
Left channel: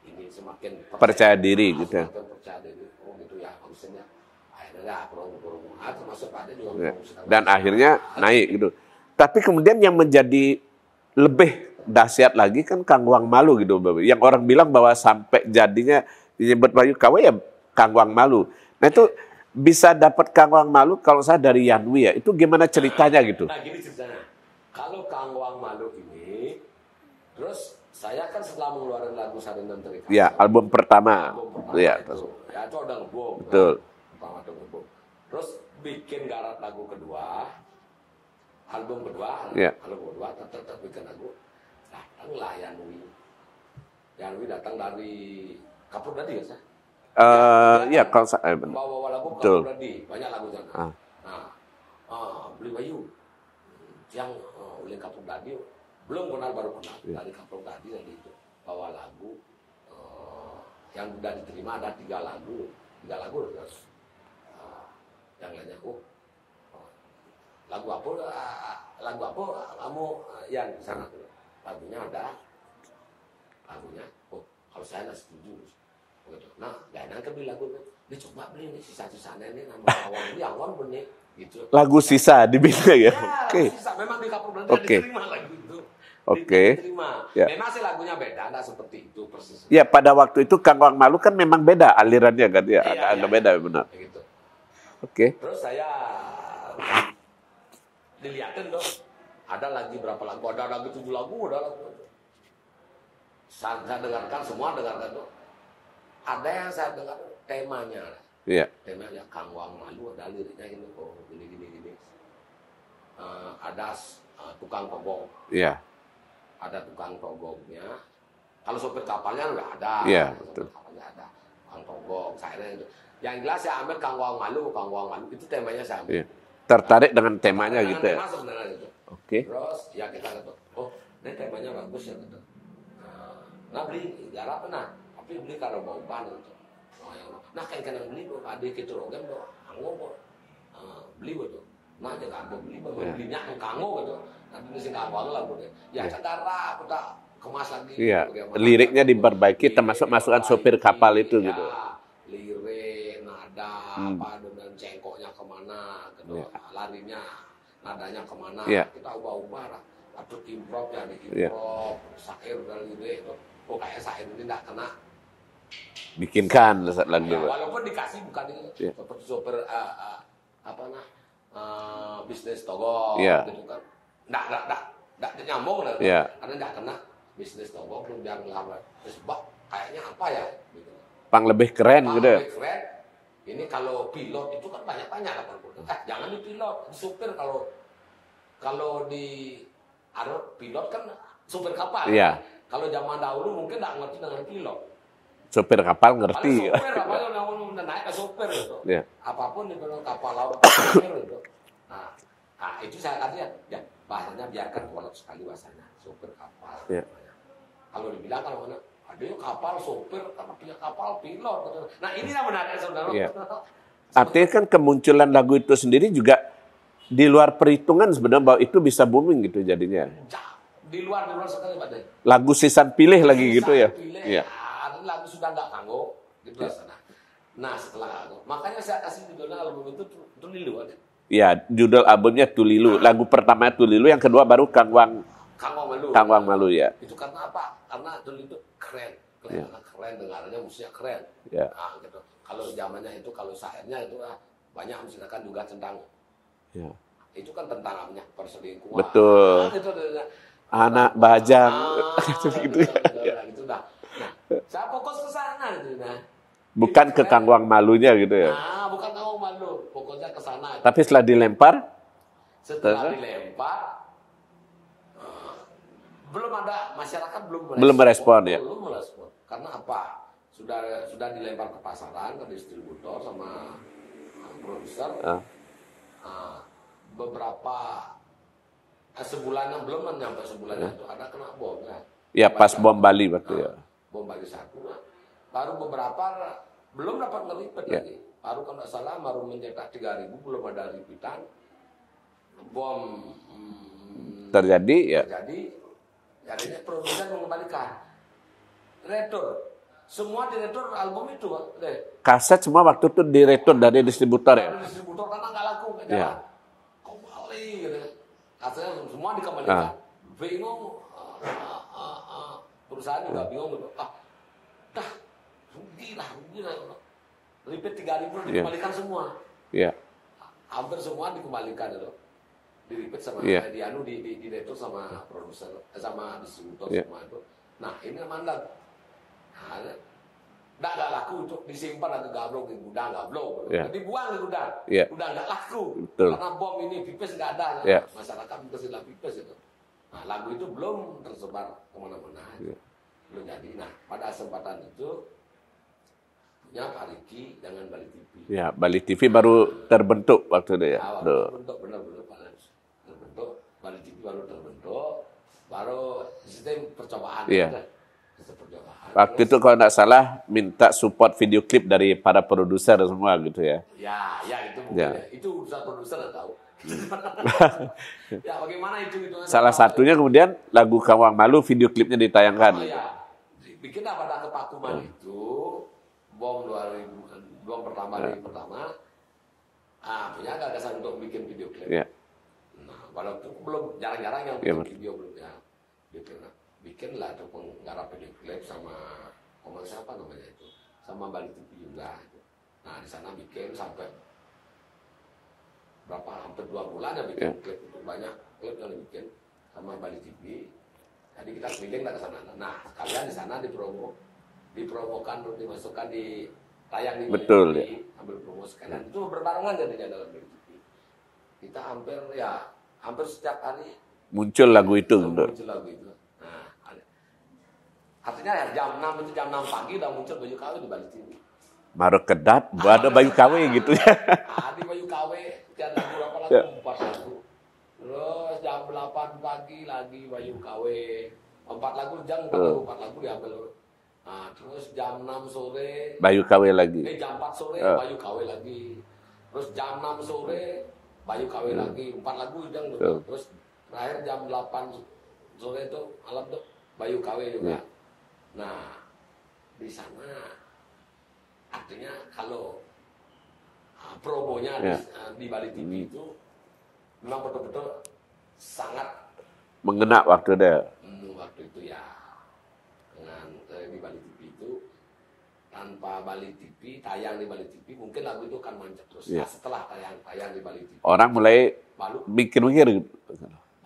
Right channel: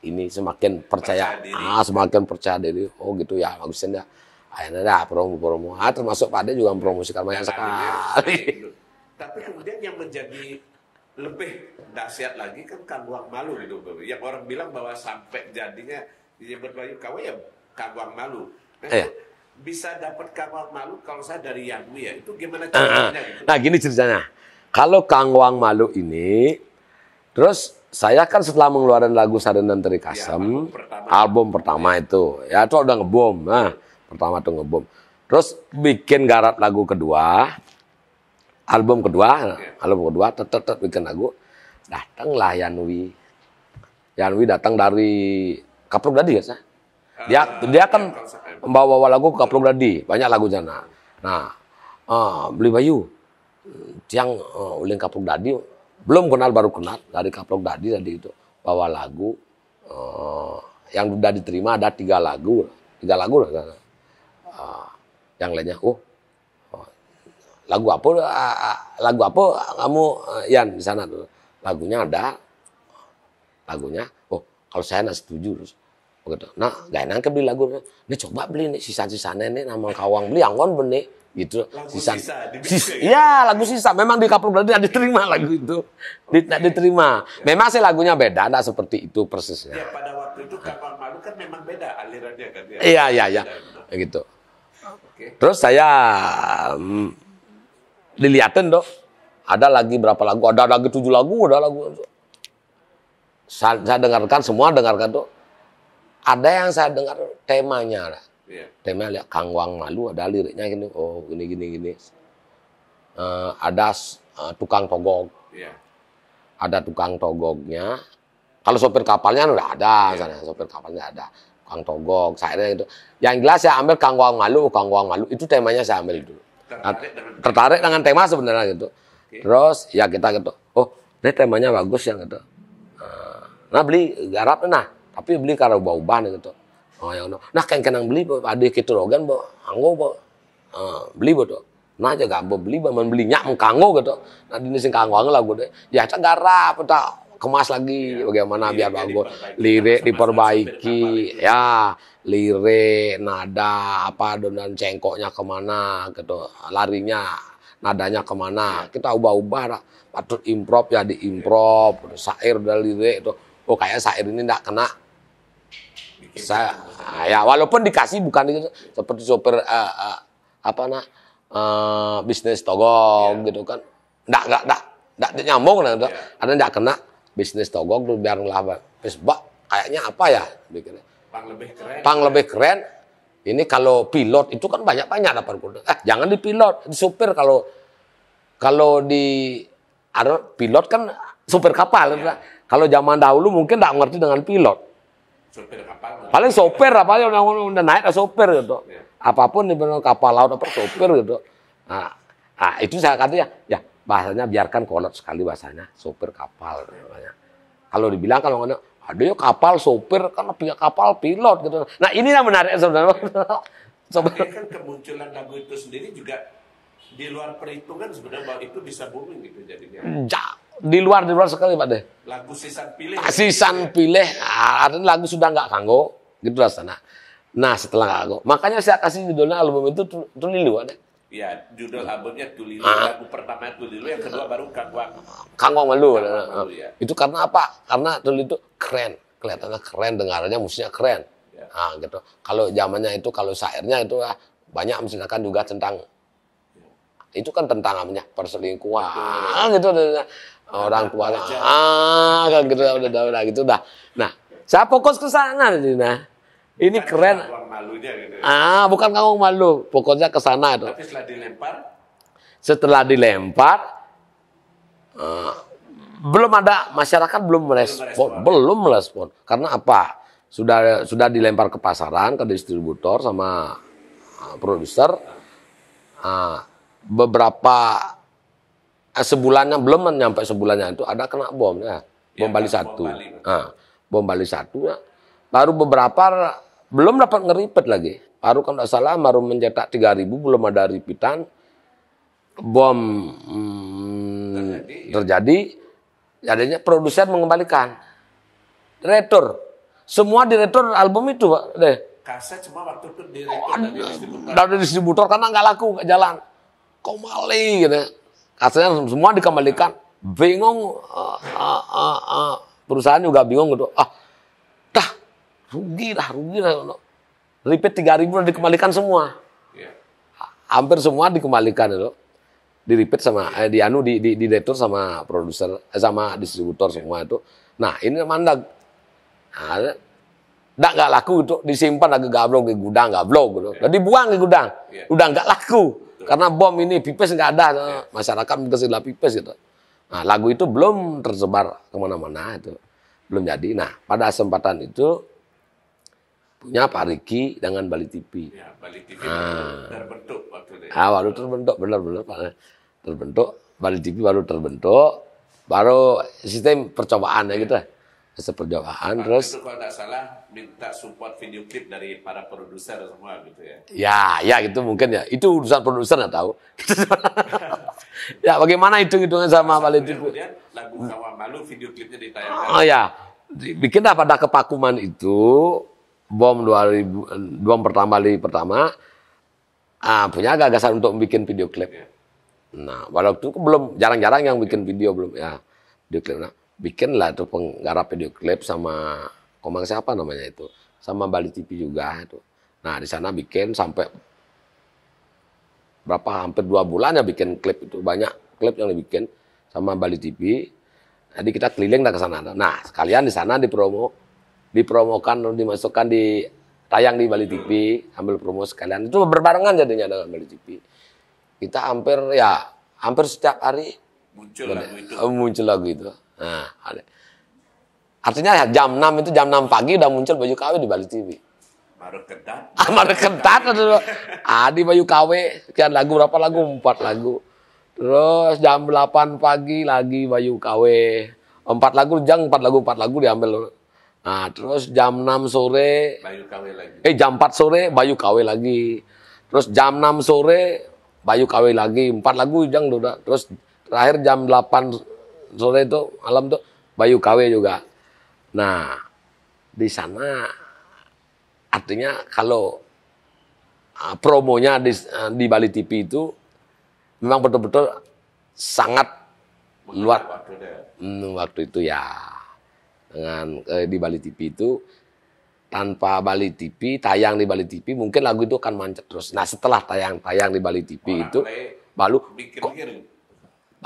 ini semakin percaya diri. Gitu. Semakin percaya diri. Oh gitu ya, bagusin ya. Akhirnya dah promo. Termasuk Pak Ade juga mempromosikan. Dan akhirnya naik gitu. Tapi kemudian yang menjadi lebih dahsyat lagi kan Kang Wang Malu gitu. Yang orang bilang bahwa sampai jadinya disebut Bayu KW ya Kang Wang Malu. Nah itu bisa dapat Kang Wang Malu kalau saya dari Yanwi ya. Itu gimana ceritanya gitu? Nah gini ceritanya. Kalau Kang Wang Malu ini, terus saya kan setelah mengeluarkan lagu Sarinum Teri Kasem, Ya, album pertama ya, itu. Ya itu udah ngebom. Nah, pertama tuh ngebom. Terus bikin garap lagu kedua, album kedua, tetap bikin lagu. Datanglah Yanwi. Yanwi datang dari Kaplok Dadi ya, dia kan membawa lagu Kaplok Dadi, banyak lagu sana. Nah, beli Bayu, yang uling Kaplok Dadi, belum kenal baru kenal dari Kaplok Dadi tadi itu bawa lagu yang sudah diterima ada 3 lagu lah. Yang lainnya, lagu apa kamu Yan di sana tuh? Lagunya ada, kalau saya nggak setuju terus. Begitu. Nah, gak enak beli lagu. Ini coba beli nih sisa-sisanya nih nama Kawang beli anggon benih gitu. Lagu sisa dibikin ya? Ya, lagu sisa. Memang di Kaplok Dadi diterima lagu itu. Diterima. Ya. Memang sih lagunya beda, ada seperti itu persisnya. Ya, pada waktu itu Kang Wang Malu kan memang beda alirannya kan ya. Iya. Beda benar. Gitu. Oke. Terus saya dilihatin dong. Ada lagi berapa lagu? Ada lagi 7 lagu, ada lagu. Saya dengarkan semua, tuh. Ada yang saya dengar temanya lah. Iya. Temanya lihat Kang Wang Malu, ada liriknya gini. Oh, gini. Ada tukang togog. Iya. Ada tukang togognya. Kalau sopir kapalnya udah ada. Iya. Sopir kapalnya ada. Tukang togog, saya itu. Yang jelas saya ambil Kang Wang Malu. Itu temanya saya ambil itu. Tertarik dengan tema sebenarnya gitu. Oke. Terus ya kita gitu. Oh, ini temanya bagus ya gitu. Nah beli garap tapi beli karena ubah-ubah nih gitu. Nah kenang beli ada gitu rogan bo anggo beli bo tuh. Nah aja gak beli belinya mengkanggo gitu. Nah di sini kanggo lah gue deh. Ya kita garap kita kemas lagi bagaimana liriknya diperbaiki supir kapal itu. Ya, lirik, nada dan cengkoknya kemana gitu. Larinya, nadanya kemana. Kita ubah-ubah lah. patut improv ya diimprov, syair udah lirik itu. Oh kayak syair ini enggak kena bikinkan ya walaupun dikasih bukan gitu seperti sopir bisnis togong gitu kan enggak nyambung nah ada enggak kena bisnis togong tuh biar lah Pak kayaknya apa ya bikin pang lebih keren lebih keren ini kalau pilot itu kan banyak dapat kuda jangan di pilot di supir kalau di pilot kan supir kapal kalau zaman dahulu mungkin enggak ngerti dengan pilot. Sopir kapal ngerti. Paling sopir apa ya udah naik sopir gitu. Apapun di kapal laut apa sopir gitu. Nah, itu saya kata ya bahasanya biarkan kolot sekali bahasanya sopir kapal. Kalau dibilang kalau ada ya kapal sopir kan pihak kapal pilot gitu. Nah ini yang menarik sebenarnya. Artinya kan kemunculan lagu itu sendiri juga di luar perhitungan sebenarnya bahwa itu bisa booming gitu jadinya. Di luar sekali Pak Deh. Lagu Sisan Pilih lagi gitu ya. Sisan Pilih, artinya lagu sudah nggak kanggo, gitu rasanya. Nah setelah nggak kanggo, makanya saya kasih judulnya album itu Tulilu ada. Ya judul albumnya Tulilu, lagu pertama Tulilu, yang kedua baru Kangwang Malu. Kangwang Malu ya. Itu karena apa? Karena Tulilu itu keren, kelihatannya keren, dengarannya musiknya keren. Nah gitu. Kalau zamannya itu kalau syairnya itu banyak misalkan juga tentang itu kan tentang namanya perselingkuhan. Betul. Gitu. Anak bajang. Gitu dah. Nah, saya fokus ke sana nah. Bukan ke Kangwang Malunya gitu ya. Bukan Kangwang Malu, pokoknya ke sana. Tapi setelah dilempar belum ada masyarakat belum merespon. Karena apa? Sudah dilempar ke pasaran, ke distributor sama produser. Beberapa sebulannya belum nyampe sebulannya itu ada kena bom ya. Bom Bali betul. Bom Bali 1 ya. Baru beberapa belum dapat ngeripet lagi. Baru kalau tidak salah baru mencetak 3.000 belum ada ripitan. Bom terjadi. Jadinya produser mengembalikan. Retur. Semua diretur album itu, Pak. Kaset semua waktu itu diretur dari distributor. Dari distributor karena nggak laku, nggak jalan. Kok maling gitu. Kasetnya semua dikembalikan. Bingung perusahaan juga bingung gitu. Rugi lah. Repeat 3.000 udah dikembalikan semua. Hampir semua dikembalikan itu. Di repeat sama di retur sama produser sama distributor semua itu. Nah, ini mandag. Nggak laku itu disimpan lagi gablok di gudang gitu. Dibuang di gudang. Udah nggak laku. Betul. Karena bom ini pipes nggak ada. Masyarakat kesilah pipes gitu. Nah, lagu itu belum tersebar kemana-mana itu. Belum jadi. Nah, pada kesempatan itu punya Pak Riki dengan Bali TV. Ya, Bali TV baru terbentuk waktu itu ya. Baru terbentuk, benar Pak. Terbentuk. Bali TV baru terbentuk. Baru sistem percobaan gitu. Percobaan. Waktu itu kalau nggak salah minta support video klip dari para produser semua gitu ya. Ya gitu mungkin ya. Itu urusan produser nggak tahu. Ya bagaimana hitung-hitungan sama Salah satunya kemudian lagu Kangwang Malu video klipnya ditayangkan. Bikinlah pada kepakuman itu bom pertama punya gagasan untuk bikin video klip. Nah, waktu itu belum jarang-jarang yang bikin video belum ya. Video klip bikinlah itu penggarap video klip sama Komang siapa namanya itu, sama Bali TV juga itu. Nah, di sana bikin sampai hampir 2 bulan ya bikin klip itu, banyak klip yang dibikin sama Bali TV. Jadi kita keliling ke sana. Nah, sekalian di sana dipromokan, dimasukkan tayang di Bali TV, ambil promo sekalian. Itu berbarengan jadinya dengan Bali TV. Kita hampir setiap hari muncul lagu itu. Nah, artinya jam 6 itu jam 6 pagi udah muncul Bayu KW di Bali TV. Maru Kedat, Bayu KW gitu. Di Bayu KW, sekian lagu, berapa lagu? 4 lagu. Terus jam 8 pagi lagi Bayu KW. 4 lagu diambil. Nah, terus jam 6 sore Bayu KW lagi. Jam 4 sore Bayu KW lagi. Terus jam 6 sore Bayu KW lagi. 4 lagu udah. Terus terakhir jam 8 sore itu malam tuh Bayu KW juga. Nah, di sana artinya kalau promonya di Bali TV itu memang betul-betul sangat mengena waktu itu. Waktu itu ya dengan di Bali TV itu, tanpa Bali TV, tayang di Bali TV, mungkin lagu itu akan mancet terus. Nah setelah tayang di Bali TV Orang itu, mulai baru mikir-mikir gitu.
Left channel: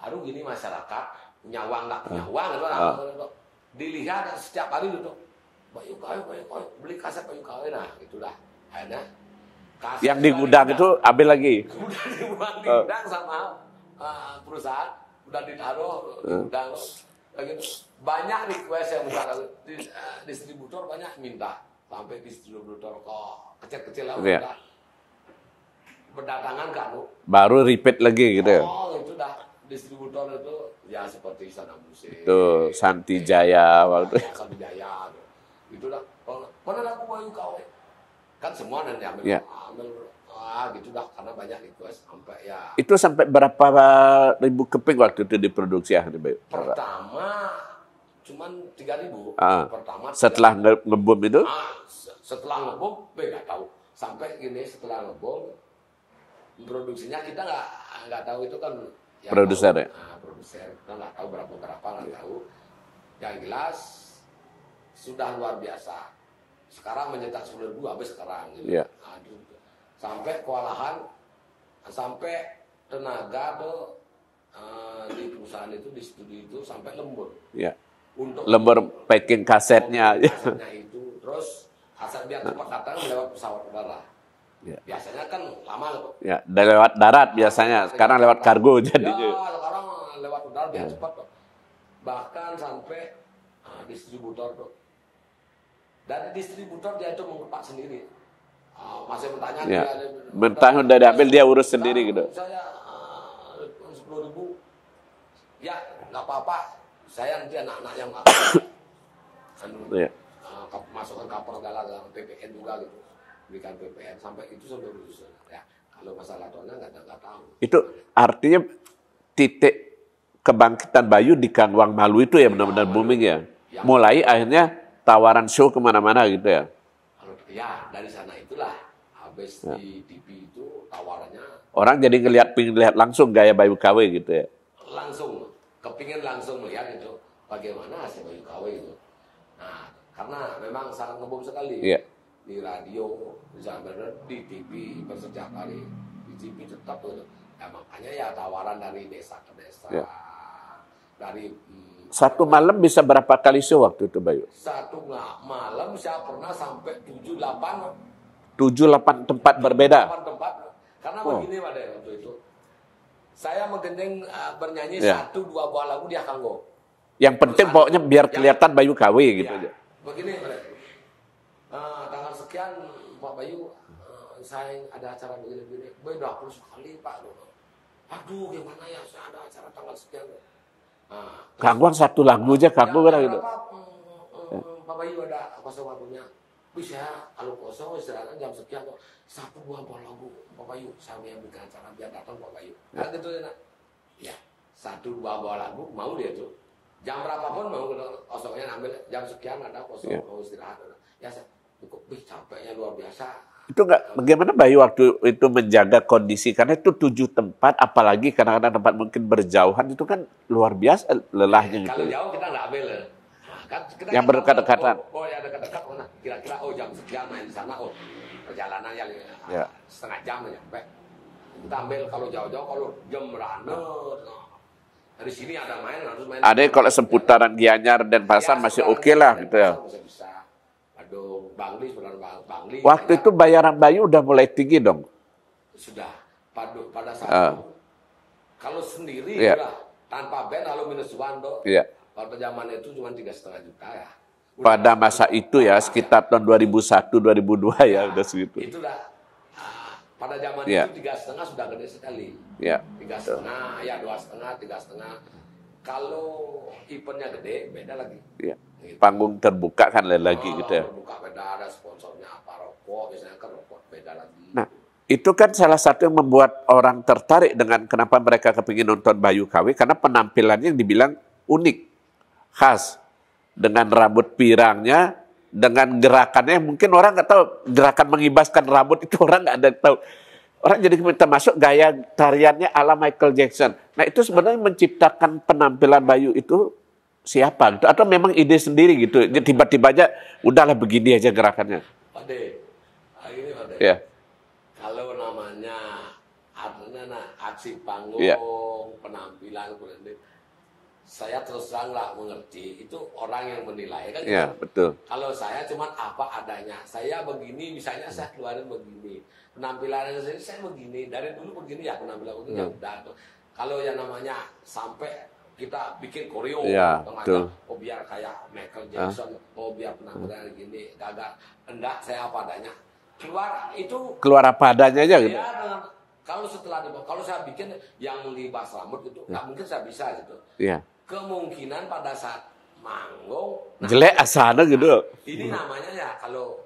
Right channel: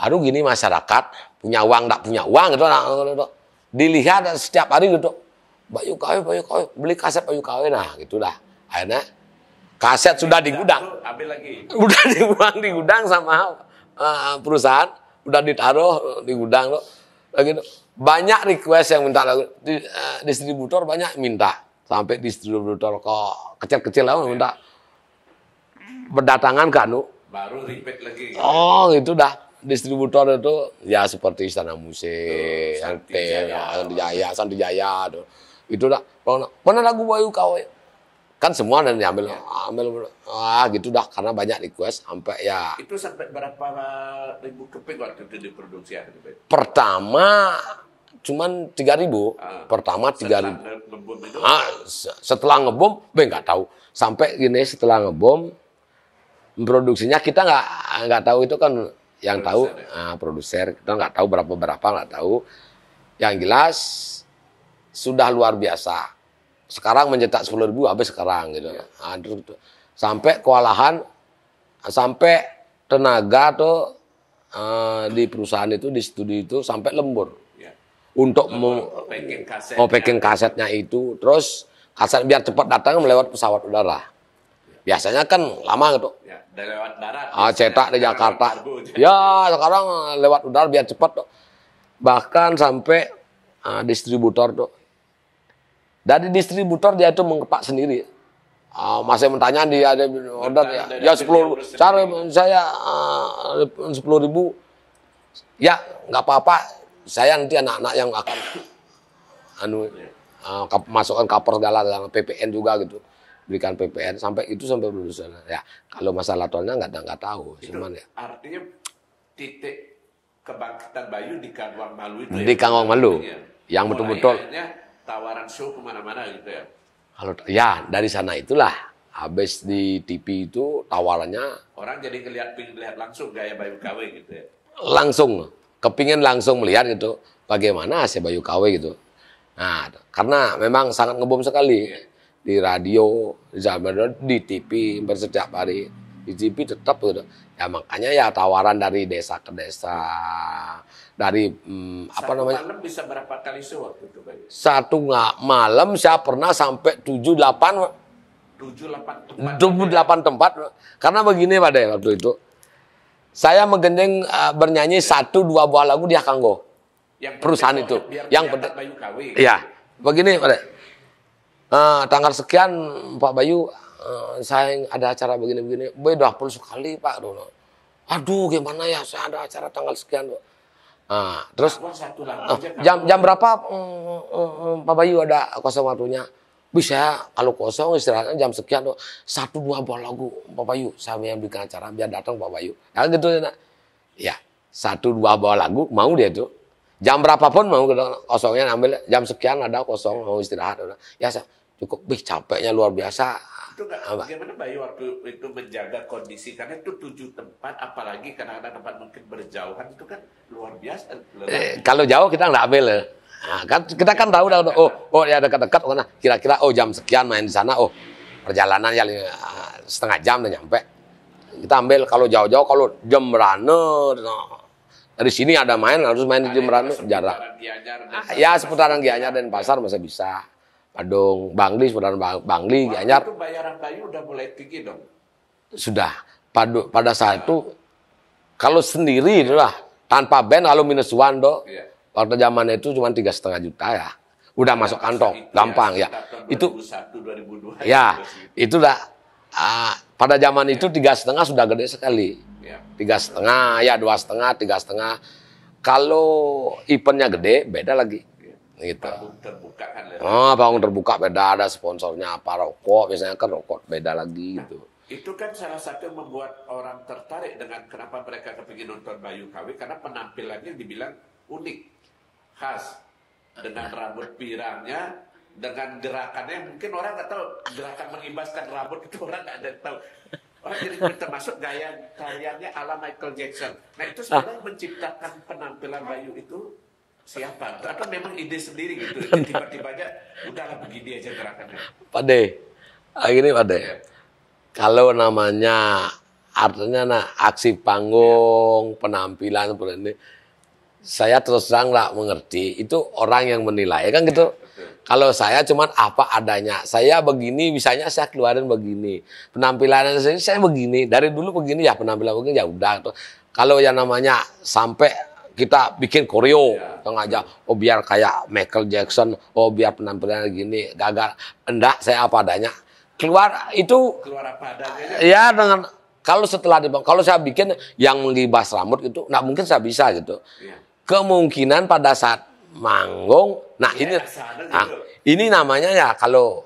baru gini masyarakat punya uang, enggak punya uang gitu, dilihat setiap hari gitu, Bayu KW, beli kaset Bayu KW, nah gitu dah. Akhirnya kaset Yang sudah di gudang, itu ambil lagi. udah dibuang di gudang sama perusahaan, udah ditaruh di gudang tuh. Gitu. Banyak request yang minta lagu, distributor banyak minta, sampai distributor kok kecil-kecil lah minta berdatangan ke baru repeat lagi gitu. Oh gitu dah, distributor itu ya seperti Istana Musik, tuh, Santi Jaya, tuh. Itu dah. Mana lagu Bayu KW? Kan semua dan diambil, ambil gitu dah, karena banyak request sampai ya. Itu sampai berapa ribu keping waktu itu diproduksi ya? Pertama cuman 3.000. Pertama 3.000. Setelah ngebom itu? Setelah ngebom, nggak tahu. Sampai gini setelah ngebom, produksinya kita nggak tahu, itu kan yang produser, tahu produser, kita nggak tahu berapa nggak tahu. Yang jelas sudah luar biasa. Sekarang mencetak 10.000 habis sekarang gitu. Ya. Sampai kewalahan, sampai tenaga tuh di perusahaan itu, di studio itu sampai lembur. Ya. Untuk lembur packing kasetnya. Packing kasetnya itu, terus kaset biar cepat datang melewat pesawat udara. Ya. Biasanya kan lama gitu. Ya, lewat darat biasanya. Cetak di Jakarta. Lewat kargo. Jadi sekarang lewat udara biar cepat tuh. Bahkan sampai distributor tuh. Dari distributor dia itu mengepak sendiri. Masih bertanya dia ada bertanya dari ambil dia urus sendiri gitu. Saya 10.000. Ya, nggak apa-apa. Saya nanti anak-anak yang akan masukkan cover segala PPN juga gitu. Berikan PPN sampai produser. Ya, kalau masalah tolnya nggak tahu. Itu cuman, artinya titik kebangkitan Bayu di Kangwang Malu itu di Kangwang Malu. Ya. Yang mulai betul-betul, akhirnya tawaran show kemana-mana gitu ya. Kalau ya dari sana itulah. Habis di TV itu tawarannya. Orang jadi pengen lihat langsung gaya Bayu KW gitu ya. Langsung. Kepingin langsung melihat gitu. Bagaimana si Bayu KW gitu. Nah, karena memang sangat ngebom sekali. Ya. Di radio, di TV bersetiap hari. Di TV tetap gitu. Ya makanya ya tawaran dari desa ke desa. Ya. Dari satu malam bisa berapa kali show waktu itu Bayu? Satu malam saya pernah sampai 7-8 tempat berbeda. 7-8 tempat. Karena begini Pak De, waktu itu. Saya menggendeng bernyanyi 1-2 buah lagu di Akanggo. Yang perusahaan pokoknya biar kelihatan Bayu KW gitu. Iya. Begini Pak De. Tanggal sekian Pak Bayu, saya ada acara begini-begini. Udah 10 sekali Pak. Aduh gimana ya, saya ada acara tanggal sekian Pak. Terus satu lagu aja jam berapa Pak Bayu ada kosong waktunya? Bisa kalau kosong istirahatnya jam sekian, 1-2 buah lagu Pak Bayu, saya yang bikin acara biar datang Pak Bayu. Nah gitu ya, 1-2 buah lagu mau dia itu. Jam berapapun mau kosongnya ambil, jam sekian ada kosong mau istirahat. Ya cukup capeknya luar biasa. Itu bagaimana Bayu waktu itu menjaga kondisi, karena itu 7 tempat, apalagi kadang-kadang tempat mungkin berjauhan, itu kan luar biasa lelahnya. Kalau jauh kita nggak ambil. Nah, kan kita kan tahu ya dekat-dekat, kira-kira jam sekian main di sana, perjalanan ya setengah jam udah nyampe. Kita ambil. Kalau jauh-jauh, kalau Jembrane, dari sini ada main, harus main di Jembrane. Ada kalau seputaran Gianyar dan Pasar ya, masih oke lah. Dan Pasar masih bisa. Padung, Bangli, seputaran Bangli. Waktu Gianyar, itu bayaran Bayu udah mulai tinggi dong? Sudah. Pada saat itu, kalau sendiri itulah, tanpa band, kalau -1 pada zaman itu cuma 3,5 juta ya. Udah masa itu gampang, sekitar tahun 2001, 2002 ya. Itu udah, pada zaman itu 3,5 sudah gede sekali. 3,5, 2,5, 3,5. Kalau eventnya gede, beda lagi. Gitu. Panggung terbuka kan lagi. Panggung terbuka beda, ada sponsornya apa, rokok, biasanya kan rokok beda lagi. Nah, itu kan salah satu yang membuat orang tertarik dengan kenapa mereka kepingin nonton Bayu KW, karena penampilannya yang dibilang unik, khas, dengan rambut pirangnya, dengan gerakannya mungkin orang nggak tahu, gerakan mengibaskan rambut itu orang nggak ada tahu. Orang jadi termasuk gaya tariannya ala Michael Jackson. Nah itu sebenarnya menciptakan penampilan Bayu itu siapa? Gitu? Atau memang ide sendiri gitu? Tiba-tiba aja udahlah begini aja gerakannya. Pak De, gini Pak De. Ya. Kalau namanya artinya aksi panggung, penampilan seperti ini, saya terus terang nggak mengerti. Itu orang yang menilai kan gitu. Ya, betul. Kalau saya cuman apa adanya. Saya begini, misalnya saya keluarin begini. Penampilan saya begini. Dari dulu begini ya penampilan begini ya udah. Gitu. Kalau yang namanya sampai kita bikin koreo, Ya, aja. Oh biar kayak Michael Jackson, oh biar penampilan gini, gagal. Enggak, saya apa adanya. Keluar itu Keluar apa adanya aja. Gitu? ya dengan kalau setelah kalau saya bikin yang menggibas rambut itu, nggak mungkin saya bisa gitu. Iya. Kemungkinan pada saat manggung, Jelek asana gitu. ini namanya ya kalau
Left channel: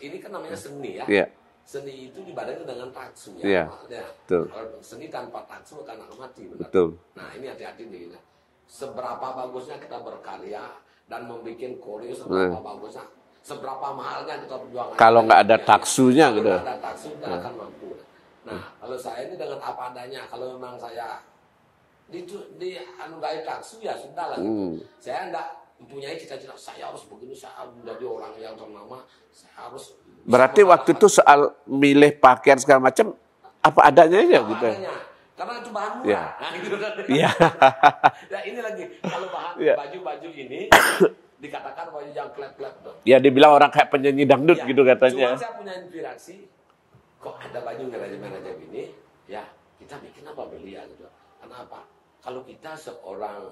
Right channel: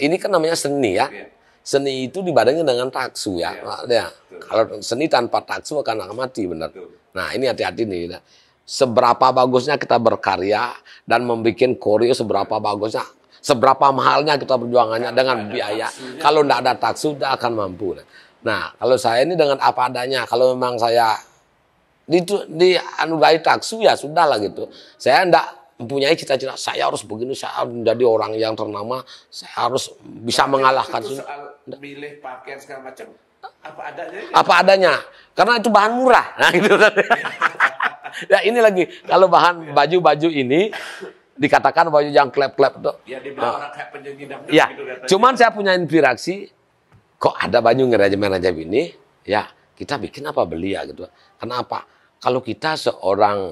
ini kan namanya seni ya. Iya. Seni itu dibandingkan dengan taksu ya. Iya, Ya. betul. Kalau seni tanpa taksu akan mati benar. Betul. Nah ini hati-hati nih. Seberapa bagusnya kita berkarya dan membuat koreo seberapa bagusnya, seberapa mahalnya kita berjuangannya Kalau dengan nggak ada biaya. taksunya, Kalau betul. nggak ada taksu, tidak akan mampu. Nah kalau saya ini dengan apa adanya. Kalau memang saya dianugerahi taksu ya sudah lah gitu. Saya enggak mempunyai cita-cita saya harus begini, saya harus menjadi orang yang ternama, saya harus bisa Berarti mengalahkan. waktu itu soal milih pakaian segala macam apa adanya aja. Apa adanya. Karena itu bahan murah. Nah, gitu kan. Ya ini lagi kalau bahan baju-baju ini dikatakan baju yang klep-klep tuh. Ya dibilang orang kayak penyanyi dangdut Ya, gitu katanya. cuman saya punya inspirasi kok ada baju ngerajam-ngerajam ini, ya kita bikin apa beli ya gitu. Kenapa? Kalau kita seorang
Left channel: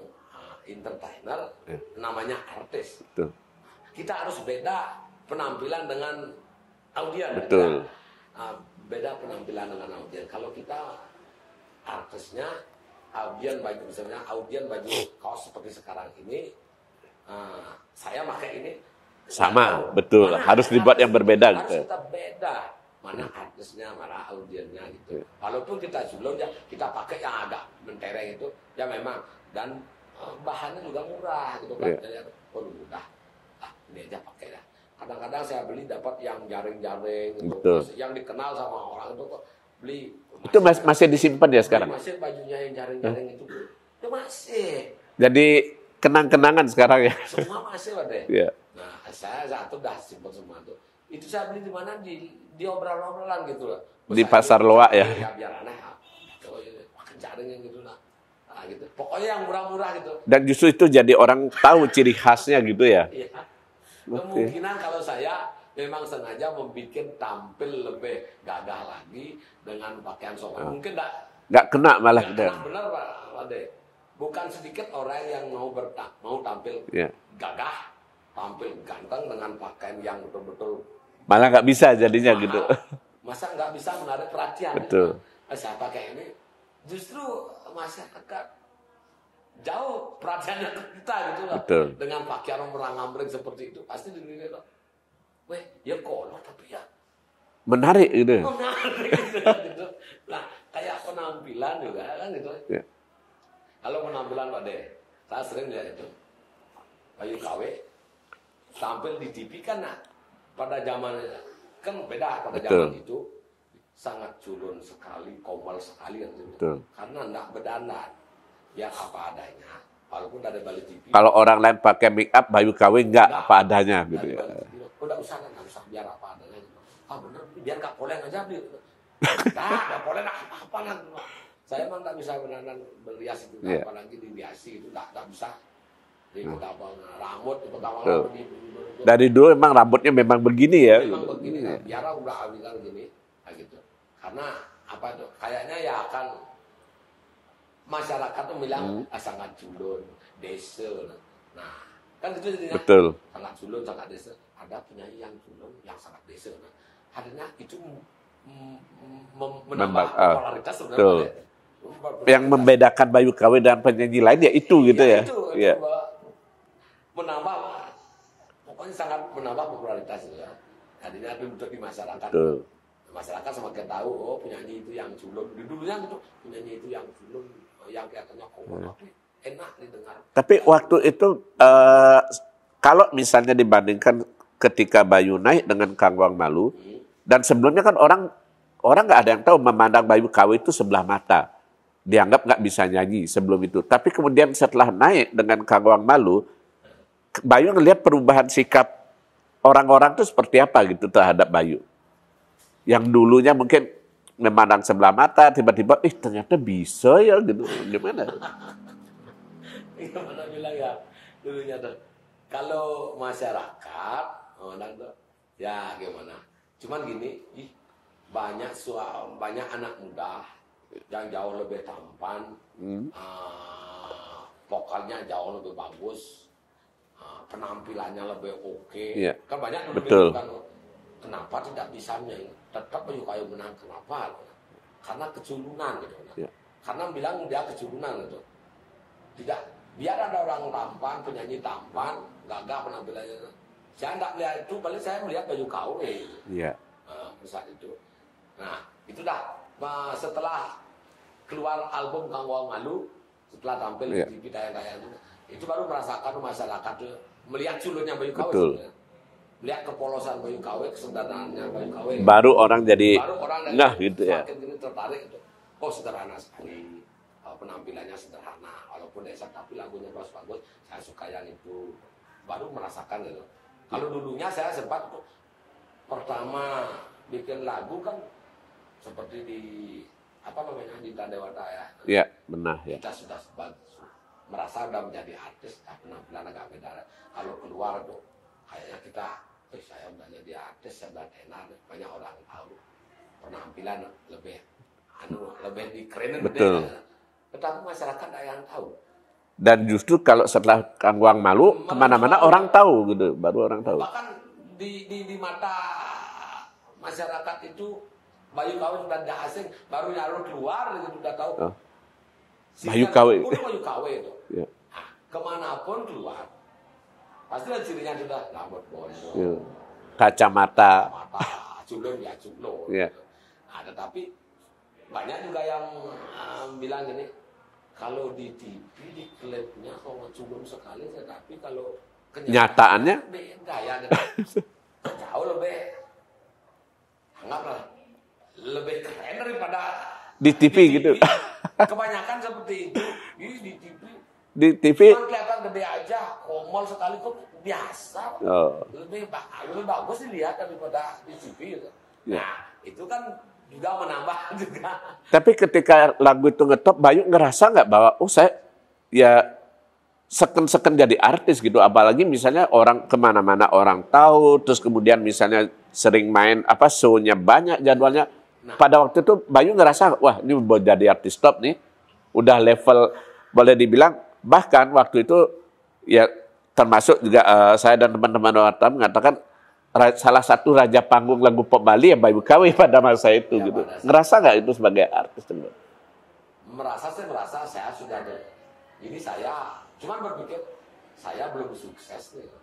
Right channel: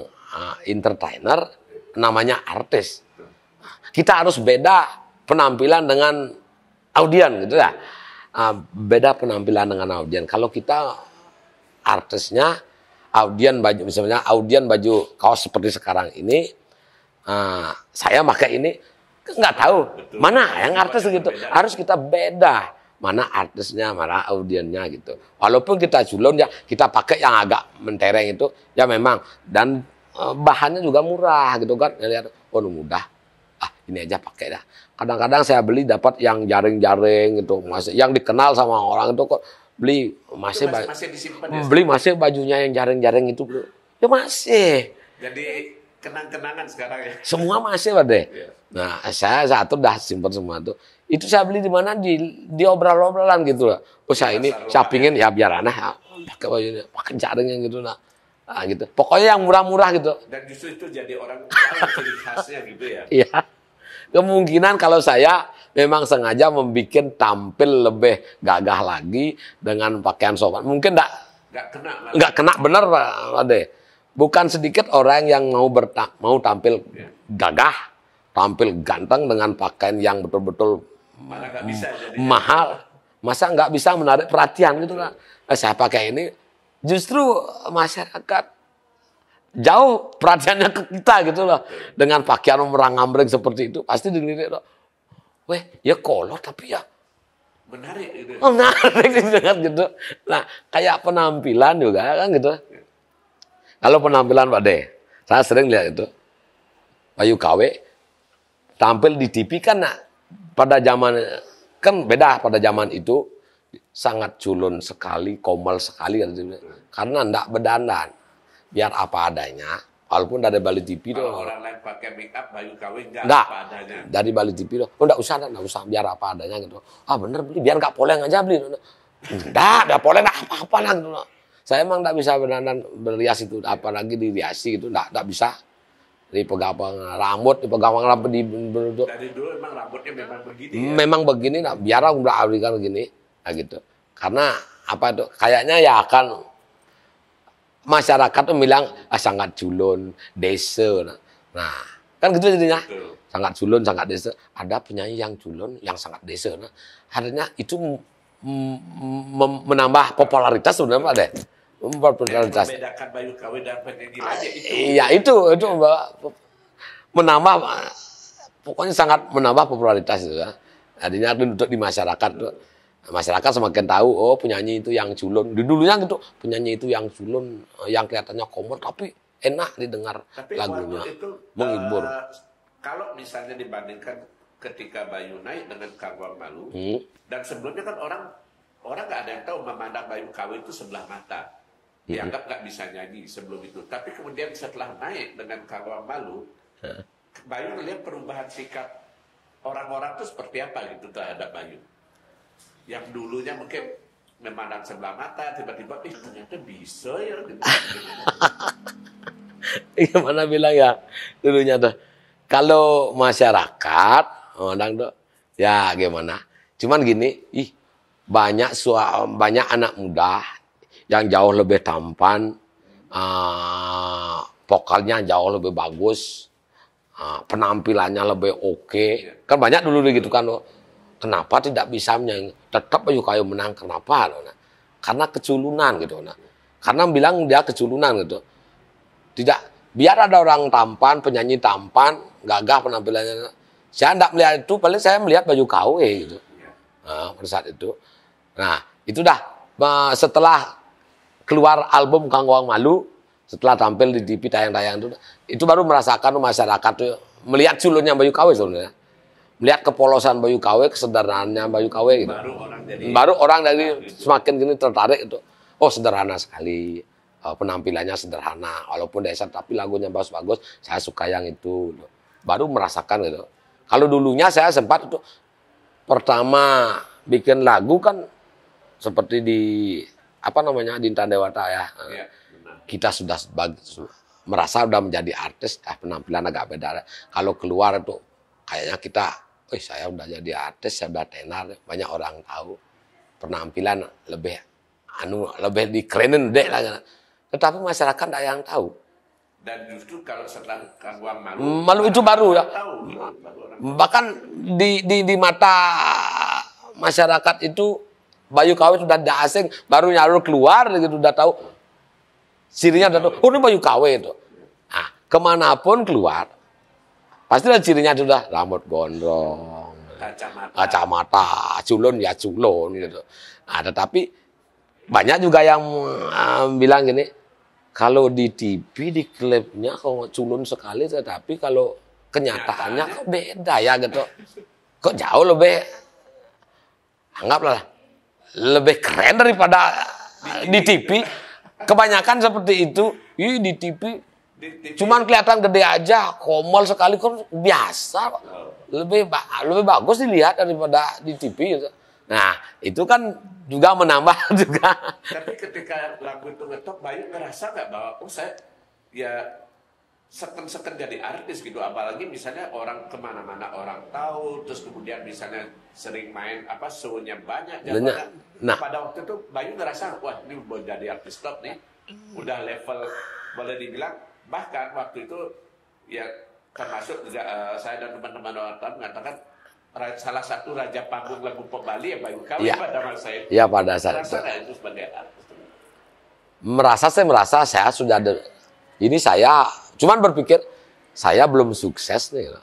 entertainer, namanya artis, Betul. kita harus beda penampilan dengan audien gitu ya. Beda penampilan dengan audien. Kalau kita artisnya audien baju misalnya audien baju kaos seperti sekarang ini, saya pakai ini nggak tahu betul. mana Harus dibuat yang artis gitu. berbeda. Harus Gitu. kita beda mana artisnya, mana audiennya gitu. Walaupun kita culun ya kita pakai yang agak mentereng itu ya memang dan bahannya juga murah gitu kan. Lihat oh mudah. Ini aja pakai dah. Kadang-kadang saya beli dapat yang jaring-jaring gitu, masih yang dikenal sama orang itu kok beli masih disimpan ya beli sekarang? masih bajunya yang jaring-jaring itu bro. Ya masih. Jadi kenang-kenangan sekarang ya. Semua masih Pak De. Iya. Nah, saya satu dah simpan semua tuh. Itu saya beli di mana di obral-obralan gitu lah. Oh, Di saya pasar ini loak saya pingin ya biar aneh ya, pakai bajunya, pakai jaring yang gitu nah. Gitu. Pokoknya yang murah-murah gitu. Dan justru itu jadi orang tahu ciri khasnya gitu ya. Iya. Kemungkinan kalau saya memang sengaja membuat tampil lebih gagah lagi dengan pakaian sopan. Mungkin Nggak kena malah. nggak kena bener Pak Ade. Bukan sedikit orang yang mau tampil gagah, tampil ganteng dengan pakaian yang betul-betul Malah nggak bisa jadinya mahal. gitu. Masa nggak bisa menarik perhatian gitu Betul. lah. Saya pakai ini, justru masyarakat jauh perhatiannya ke kita gitu loh. Betul. Dengan pakaian merang-ambreng seperti itu, pasti dilirik loh. Weh, ya kolot tapi ya Menarik gitu. menarik gitu kan gitu. Nah, kayak penampilan juga kan gitu. Ya. Kalau penampilan Pak De, saya sering lihat itu. Bayu KW tampil di TV kan pada zaman kan beda pada zaman itu sangat culun sekali, komal sekali kan karena enggak berdandan. Biar apa adanya, walaupun dari Bali TV. Kalau orang lain pakai make up, Bayu KW nggak apa adanya. Dari Bali TV loh. Oh enggak usah biar apa adanya gitu. Bener beli biar enggak poleng aja beli. Enggak poleng apa-apa lah gitu. Saya emang enggak bisa berdandan berhias itu, apalagi diriasi gitu, enggak bisa. Dipegang rambut, dipegang rambut Dari dulu emang rambutnya memang begini ya. Memang begini, biar aku udah abadikan begini, gitu. Karena apa itu? Kayaknya ya akan masyarakat tuh bilang sangat culun, desa. Nah, kan gitu jadinya. Betul. Sangat culun, sangat desa. Ada penyanyi yang culun, yang sangat desa. Nah, artinya itu menambah popularitas sebenarnya Pak De. Yang membedakan Bayu KW dan penyanyi lain ya itu gitu ya. ya. Itu menambah, pokoknya sangat menambah popularitas itu ya. Artinya untuk di masyarakat. Masyarakat semakin tahu, oh penyanyi itu yang culun. Dulunya gitu, penyanyi itu yang culun, yang kelihatannya komod, tapi enak didengar. Tapi waktu itu, kalau misalnya dibandingkan ketika Bayu naik dengan Kang Wang Malu, dan sebelumnya kan orang orang nggak ada yang tahu memandang Bayu KW itu sebelah mata. Dianggap nggak bisa nyanyi sebelum itu. Tapi kemudian setelah naik dengan Kangwang Malu, Bayu ngelihat perubahan sikap orang-orang itu seperti apa gitu terhadap Bayu. Yang dulunya mungkin memandang sebelah mata, tiba-tiba, ternyata bisa ya gitu. Gimana? Gimana bilang ya dulunya tuh. Kalau masyarakat, orang tuh, ya gimana. Cuman gini, banyak anak muda yang jauh lebih tampan, vokalnya jauh lebih bagus, penampilannya lebih oke. Iya. Kan banyak dulu Betul. gitu kan. Kenapa tidak bisa menyanyi? Tetap Bayu KW menang. Kenapa? Karena keculunan gitu. Iya. Karena bilang dia keculunan gitu. Tidak, biar ada orang tampan, penyanyi tampan, gagah penampilannya. Saya tidak melihat itu, paling saya melihat Bayu KW gitu. Iya. Nah, pada saat itu. Nah, itu dah. Setelah keluar album Kangwang Malu, setelah tampil di TV tayang-tayang itu baru merasakan masyarakat tuh melihat culunnya Bayu KW sebenarnya. Melihat kepolosan Bayu KW, kesederhanaannya Bayu KW. Gitu. Baru orang jadi gitu, semakin gini tertarik itu. Oh, sederhana sekali. Penampilannya sederhana, walaupun desa tapi lagunya bagus-bagus. Saya suka yang itu. Baru merasakan gitu. Kalau dulunya saya sempat itu pertama bikin lagu kan seperti di Dinta Dewata ya. Iya, benar. Kita sudah merasa sudah menjadi artis, penampilan agak beda. Kalau keluar itu kayaknya kita, saya udah jadi artis, saya udah tenar, banyak orang tahu. Penampilan lebih dikerenin deh. Tetapi masyarakat tidak yang tahu. Dan justru kalau setelah Kangwang Malu itu baru orang tahu gitu, baru orang tahu. Bahkan di mata masyarakat itu Bayu KW sudah tidak asing, baru nyaru keluar gitu udah tahu. Cirinya ini Bayu KW itu. Ya. Nah, kemanapun keluar, pasti cirinya sudah rambut gondrong, kacamata, culun ya culun gitu. Nah, tetapi banyak juga yang bilang gini, kalau di TV, di klipnya kok culun sekali, tetapi kalau kenyataannya kok beda ya gitu. Kok jauh lebih, anggaplah, lebih keren daripada di TV. Gitu. Kebanyakan seperti itu, di TV cuman kelihatan gede aja, komol sekali, kok biasa. Lebih bagus dilihat daripada di TV gitu. Nah, itu kan juga menambah juga. Tapi ketika lagu itu ngetop, Bayu ngerasa nggak bahwa saya ya seken-seken jadi artis gitu. Apalagi misalnya orang kemana-mana orang tahu, terus kemudian misalnya sering main show-nya banyak jadwalnya. Nah, pada waktu itu Bayu ngerasa, wah ini mau jadi artis top nih. Udah level, boleh dibilang, bahkan waktu itu ya termasuk juga saya dan teman-teman wartawan mengatakan salah satu raja panggung lagu pop Bali ya Bayu KW pada masa itu. Ya, gitu. pada saat merasa nggak itu sebagai artis? Merasa saya sudah ini saya cuman berpikir saya belum sukses nih.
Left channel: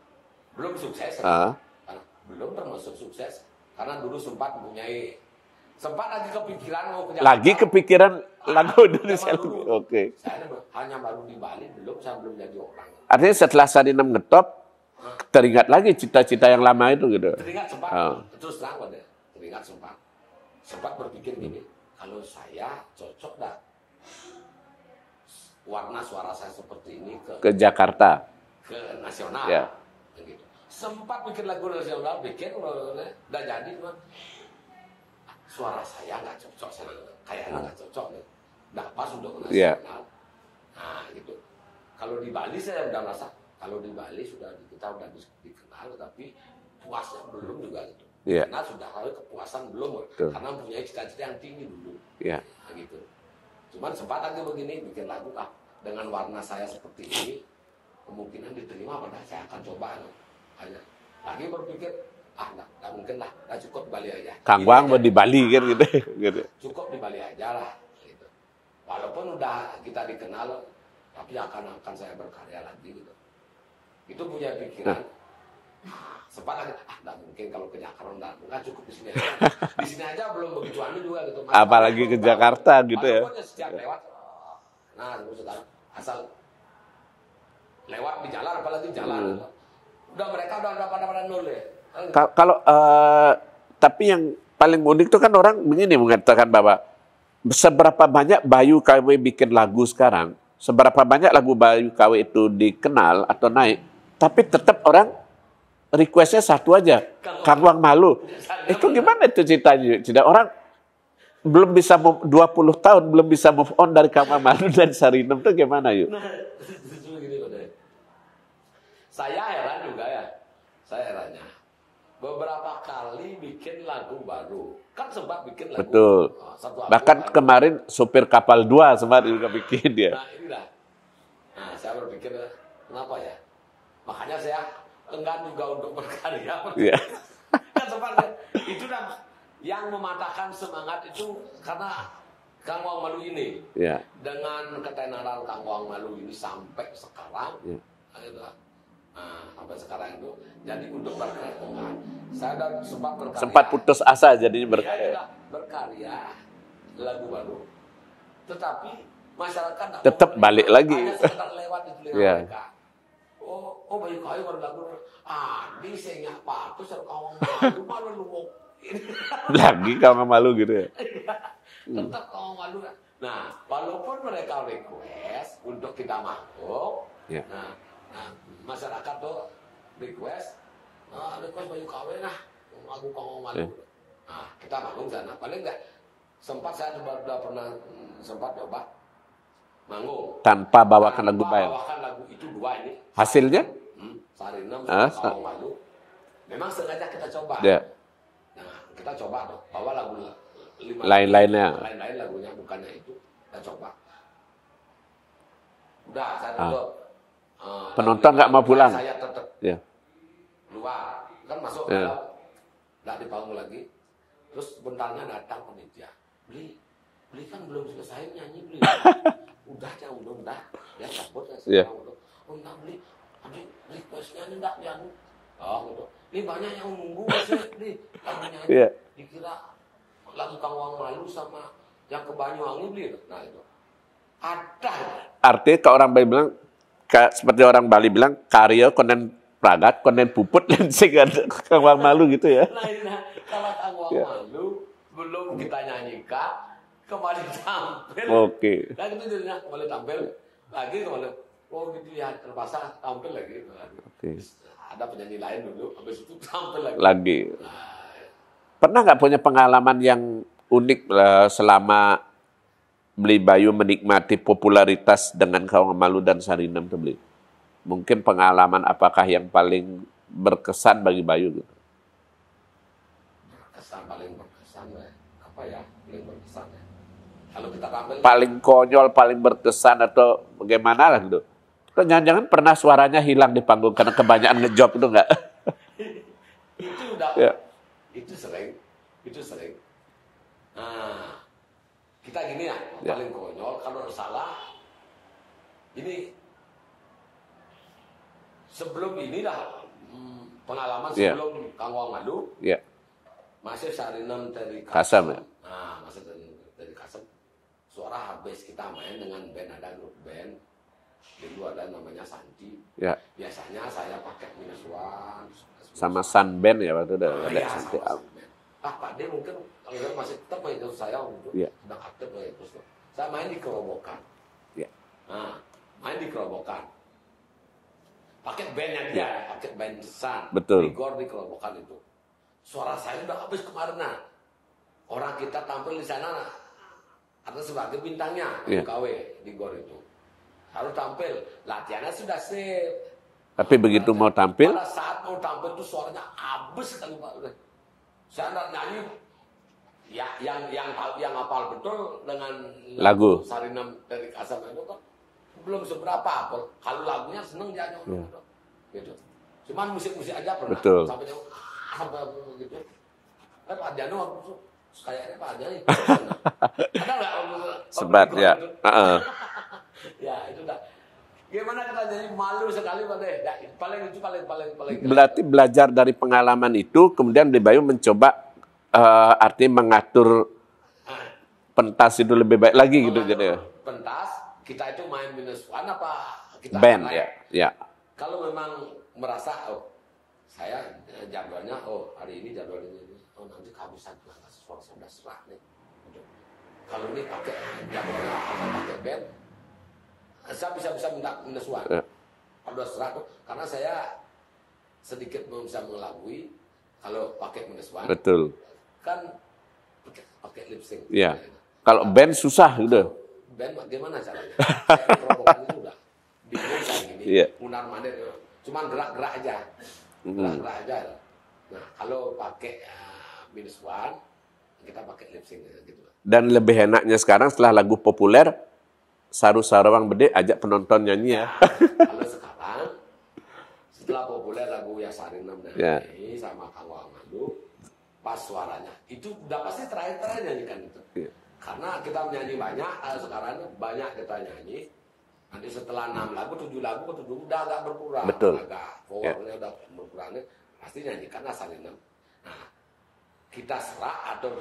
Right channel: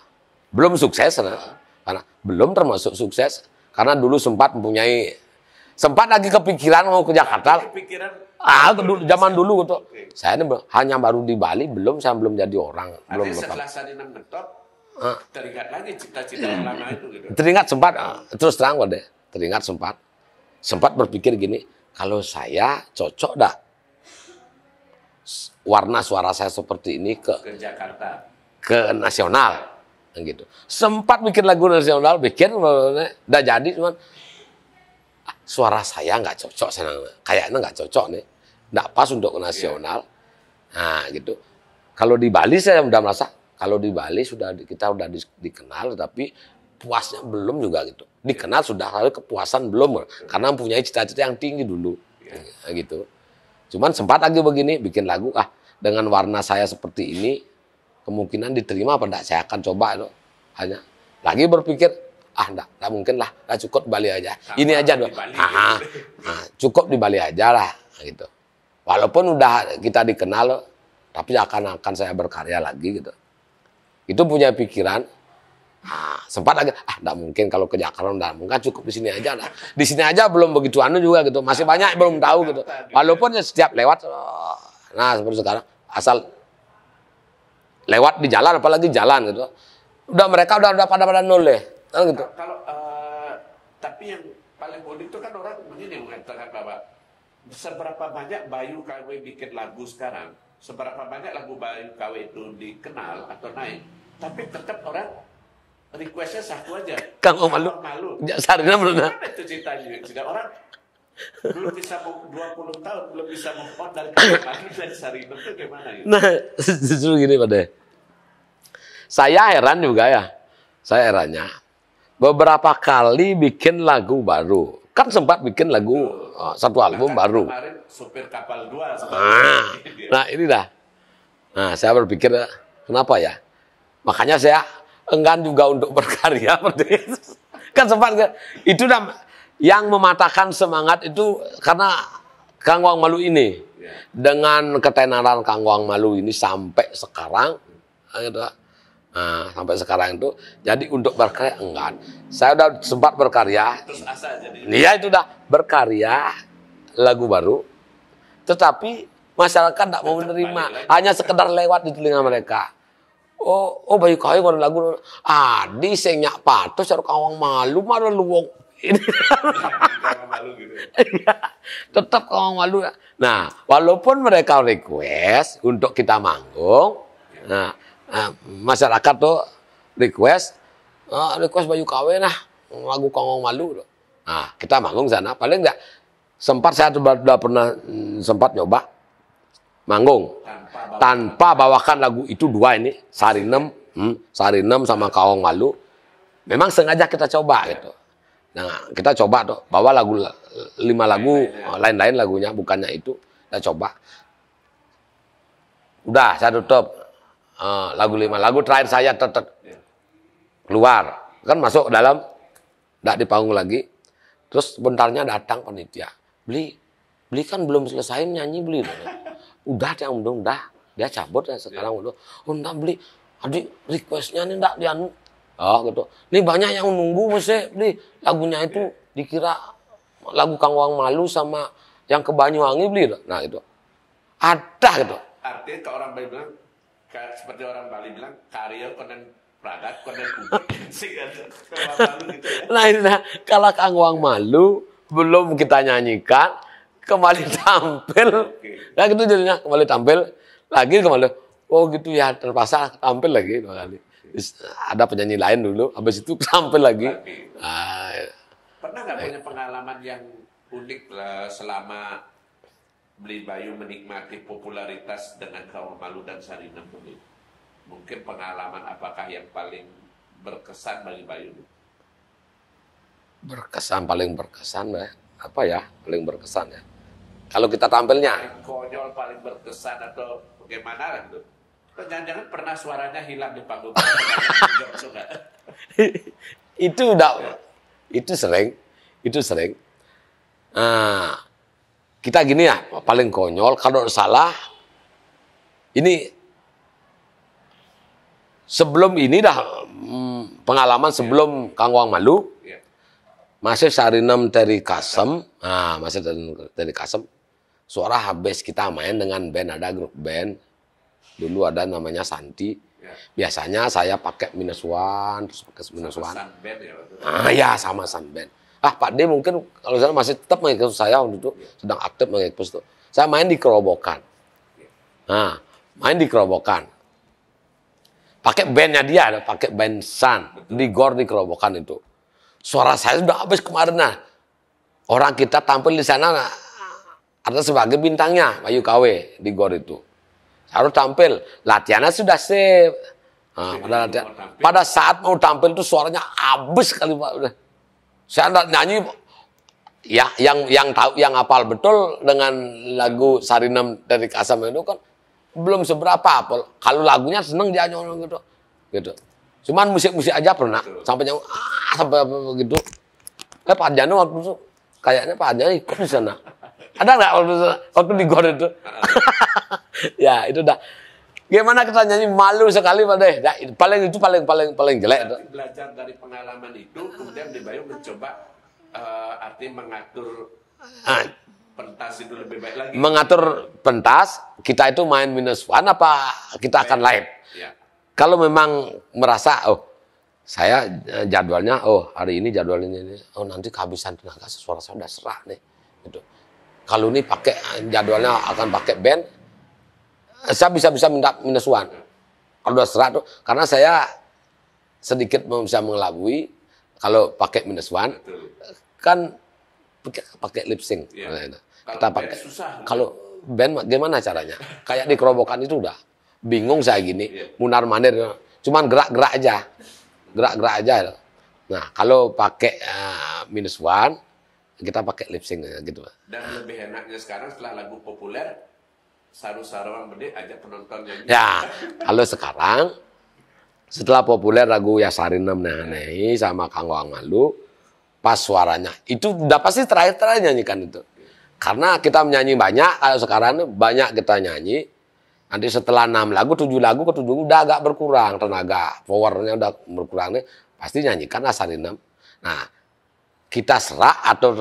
Belum sukses karena belum termasuk sukses karena dulu sempat lagi kepikiran mau ke Jakarta. Lagi kepikiran zaman dulu gitu. Okay. Saya ini hanya baru di Bali, saya belum jadi orang. Artinya setelah Sarinam ngetop teringat lagi cita-cita yang lama itu gitu. Teringat sempat, terus terang deh. Teringat sempat berpikir gini, kalau saya cocok dah warna suara saya seperti ini ke Jakarta, ke nasional, gitu. Sempat bikin lagu nasional, udah jadi, cuman suara saya nggak cocok, kayaknya nggak cocok nih, nggak pas untuk ke nasional. Nah, gitu. Kalau di Bali saya udah merasa. Kalau di Bali kita udah dikenal, tapi puasnya belum juga gitu. Dikenal sudah, tapi kepuasan belum. Karena mempunyai cita-cita yang tinggi dulu. Gitu. Cuman sempat lagi begini, bikin lagu, dengan warna saya seperti ini, kemungkinan diterima apa enggak, saya akan coba. Hanya lagi berpikir, enggak mungkin lah, cukup di Bali aja. Ini aja di Bali gitu. Cukup di Bali aja lah. Gitu. Walaupun udah kita dikenal, tapi akan saya berkarya lagi gitu. Itu punya pikiran, sempat lagi, enggak mungkin kalau ke Jakarta, enggak mungkin, cukup di sini aja. Di sini aja belum begitu juga gitu, masih banyak yang belum tahu. Gitu. Walaupun setiap lewat, seperti sekarang, asal lewat di jalan, apalagi jalan gitu, mereka udah pada nol deh. Gitu. Kalau tapi yang paling unik itu kan orang begini mengatakan bahwa seberapa banyak Bayu KW bikin lagu sekarang, seberapa banyak lagu Bayu KW itu dikenal atau naik, tapi tetap orang requestnya satu aja, Kangwang Malu. Gimana itu ceritanya? Tidak, orang belum bisa 20 tahun belum bisa move on dari Kangwang Malu dan Sarinem itu gimana yuk? Nah, justru gini Pak De. Saya heran juga ya. Saya herannya. Beberapa kali bikin lagu baru. Kan sempat bikin lagu satu album bahkan baru. Kemarin Supir Kapal 2 sempat bikin dia. Nah, ini dah. Nah, saya berpikir kenapa ya? Makanya saya enggan juga untuk berkarya. Kan sempat itu dah. Yang mematahkan semangat itu karena Kangwang Malu ini. Ya. Dengan ketenaran Kangwang Malu ini sampai sekarang. Nah, sampai sekarang itu. Jadi untuk berkarya enggak. Saya udah sempat berkarya. Sempat putus asa jadi. Iya itu udah berkarya lagu baru. Tetapi masyarakat tidak mau menerima. Balik lagi. Hanya sekedar lewat di telinga mereka. Oh Bayu KW ada lagu. Adi senyak patus karo Kangwang Malu malah luwung. Ini lagi Kangwang Malu gitu ya. Tetap Kangwang Malu. Nah, walaupun mereka request untuk kita manggung, nah, masyarakat tuh request Bayu KW nah lagu Kangwang Malu. Nah, kita manggung sana. Paling enggak sempat saya sudah pernah sempat nyoba manggung tanpa bawakan lagu itu dua ini. Sarinem sama Kangwang Malu. Memang sengaja kita coba gitu. Nah, kita coba tuh bawa lagu 5 lagu lain-lain lagunya bukannya itu kita coba. Udah saya tutup lagu 5 lagu terakhir saya tetap keluar kan masuk dalam enggak di panggung lagi. Terus bentarnya datang panitia. Beli kan belum selesai nyanyi beli. Udah yang belum udah dia cabut ya sekarang udah. Enggak beli. Adik requestnya ini enggak dianu. Oh gitu. Ini banyak yang nunggu mesti beli lagunya itu dikira lagu Kangwang Malu sama yang ke Banyuwangi beli. Nah itu ada gitu. Artinya kalau orang Bali bilang seperti orang Bali bilang karya konen pragat konen puput dan sing Kangwang Malu gitu ya. Nah ini kalau Kangwang Malu belum kita nyanyikan kembali tampil. Oke. Nah gitu jadinya kembali tampil lagi kembali. Oh gitu ya terpaksa tampil lagi 2 kali. Ada penyanyi lain dulu, habis itu tampil lagi. Pernah nggak punya pengalaman yang unik selama Beli Bayu menikmati popularitas dengan Kangwang Malu dan Sarinem tuh Beli? Mungkin pengalaman apakah yang paling berkesan bagi Bayu gitu? Paling berkesan ya. Apa ya paling berkesan ya? Kalau kita tampilnya paling konyol, paling berkesan atau bagaimana lah gitu? Jangan-jangan pernah suaranya hilang di panggung karena kebanyakan ngejob itu enggak? Itu udah, itu sering. Kita gini ya, paling konyol kalau salah. Ini sebelum ini dah pengalaman sebelum Kangwang Malu, masih Sarinem dari Kasem, masih dari Kasem. Suara habis kita main dengan band, ada grup band. Dulu ada namanya Santi. Biasanya saya pakai -1 terus pakai sama Sunband ya waktu itu. Ya sama Sunband. Pak D mungkin kalau saya masih tetap mengikut saya waktu itu sedang aktif mengikut itu. Saya main di Kerobokan. Main di Kerobokan. Pakai bandnya dia, pakai band Sun. Di Gor di Kerobokan itu. Suara saya sudah habis kemarin nah. Orang kita tampil di sana ada sebagai bintangnya Bayu KW di Gor itu. Harus tampil, latihannya sudah sip. Tapi begitu mau tampil, pada saat mau tampil itu suaranya habis kali Pak. Saya nyanyi, ya yang tahu, yang hafal betul dengan lagu Sarinem dari Kasem itu kan belum seberapa. Kalau lagunya seneng dia nyanyi gitu. Cuman musik-musik aja pernah sampai nyanyi sampai begitu. Pak Janu waktu itu kayaknya Pak Janu ikut di sana. Ada nggak waktu di Gor itu? Ya itu dah. Gimana kita nyanyi malu sekali Pak Deh. Nah, paling jelek. Berarti belajar dari pengalaman itu, kemudian Beli Bayu mencoba artinya mengatur pentas itu lebih baik lagi. Mengatur gitu, pentas, kita itu main -1 apa kita akan live. Ya. Kalau memang merasa Saya jadwalnya, oh hari ini jadwal ini, oh nanti kehabisan tenaga, suara saya udah serak nih. Gitu. Kalau ini pakai jadwalnya akan pakai band, saya bisa minta minus one. Kalau udah serak tuh, karena saya sedikit bisa mengelabui kalau pakai minus one. Betul. Kan pakai lip sync. Iya. Nah, Kalau band susah gitu. Kalau band gimana caranya? Kayak di kerobokan itu udah bingung saya gini, Iya. munar mandir, cuman gerak-gerak aja. Gerak-gerak aja. Nah, kalau pakai minus one, kita pakai lip sync gitu. Dan lebih enaknya sekarang setelah lagu populer, Saru Sarawang Bede ajak penonton nyanyi. Ya, kalau sekarang setelah populer lagu Ya Sarinem Nyanyi sama Kang Wang Malu, pas suaranya itu udah pasti terakhir nyanyikan itu. Karena kita menyanyi banyak, kalau sekarang banyak kita nyanyi. Nanti setelah 6 lagu, 7 lagu, ke 7 udah agak berkurang tenaga, powernya udah berkurang, pasti nyanyikan Sarinem. Nah, kita serak atau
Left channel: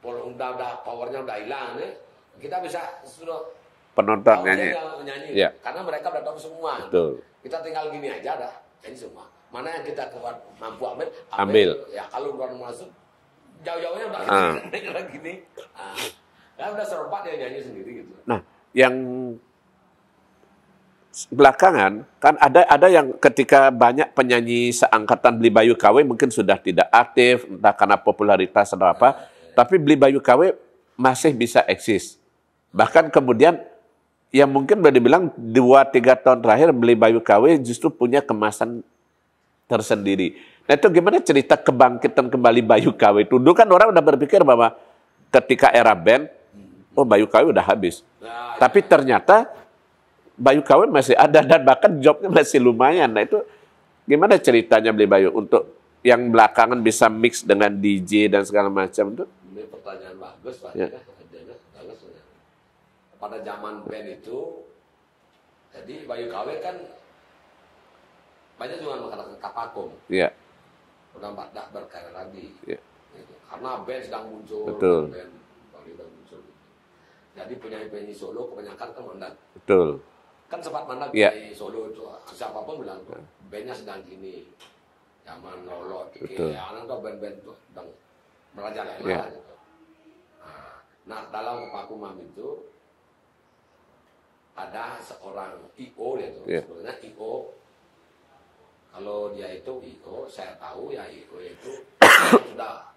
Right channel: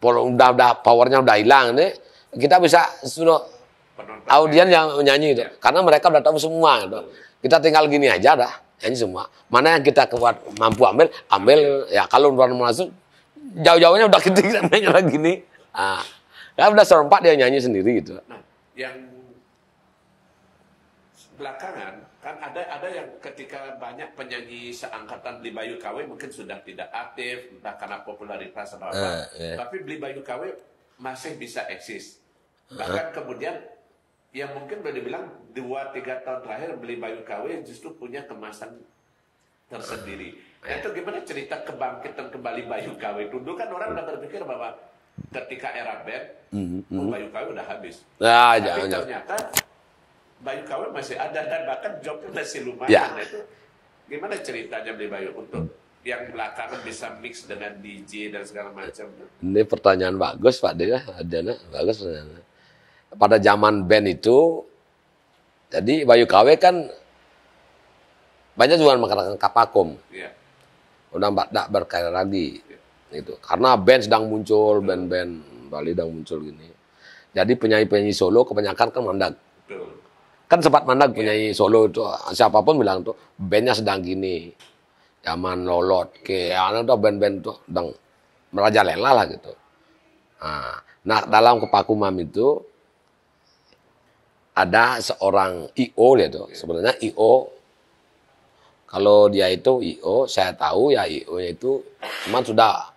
udah powernya udah hilang nih, kita bisa suruh Penonton audien nyanyi. yang nyanyi itu. Karena mereka udah tahu semua gitu. Kita tinggal gini aja dah, nyanyi semua. Mana yang kita kuat mampu ambil. Ya kalau luar masuk jauh-jauhnya udah kita nyanyi gini. Kan udah serempak dia nyanyi sendiri gitu. Nah, yang belakangan kan ada yang ketika banyak penyanyi seangkatan Beli Bayu KW mungkin sudah tidak aktif, entah karena popularitas atau apa. Tapi Beli Bayu KW masih bisa eksis. Bahkan kemudian yang mungkin boleh dibilang 2-3 tahun terakhir Beli Bayu KW justru punya kemasan tersendiri. Nah, itu gimana cerita kebangkitan kembali Bayu KW itu? Dulu kan orang udah berpikir bahwa ketika era band, oh Bayu KW udah habis. Tapi ternyata Bayu KW masih ada dan bahkan jobnya masih lumayan. Nah itu gimana ceritanya Beli Bayu untuk yang belakangan bisa mix dengan DJ dan segala macam itu? Ini pertanyaan bagus Pak Dea, bagus pertanyaan. Pada zaman band itu, jadi Bayu KW kan banyak juga mengatakan kapakum. Iya. Udah tidak berkarya lagi. Itu. Karena band sedang muncul, band-band Bali sedang muncul gini. Jadi penyanyi-penyanyi solo kebanyakan kan mandag. Betul. Kan sempat mandag penyanyi solo itu. Siapapun bilang tuh, bandnya sedang gini. Zaman Lolot, kayak ada band-band tuh sedang merajalela lah gitu. Nah, dalam kepakuman itu, ada seorang I.O. dia tuh. Sebenarnya I.O. Kalau dia itu I.O. saya tahu ya I.O. itu memang sudah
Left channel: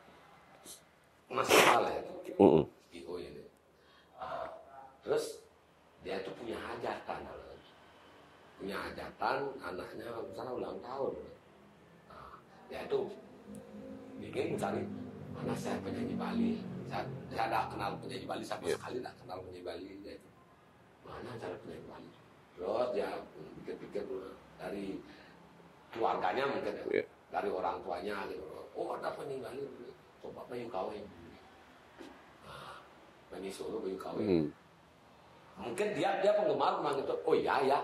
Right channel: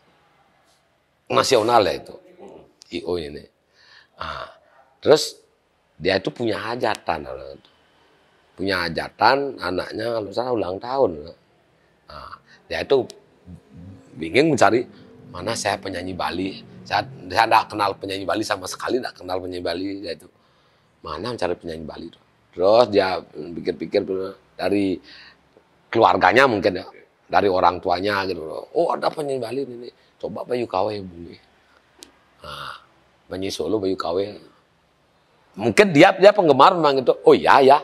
nasional ya itu. I.O. ini. Terus dia itu punya hajatan. Punya hajatan anaknya kalau salah ulang tahun. Dia itu bingung mencari mana saya penyanyi Bali. Saya tidak kenal penyanyi Bali sama sekali, tidak kenal penyanyi Bali. Dia itu mana mencari penyanyi Bali itu. Terus dia pikir-pikir dari keluarganya mungkin ya, dari orang tuanya gitu. Oh ada penyanyi Bali ini, coba Bayu KW hubungi. Penyanyi solo Bayu KW. Mungkin dia penggemar memang itu. Oh iya ya.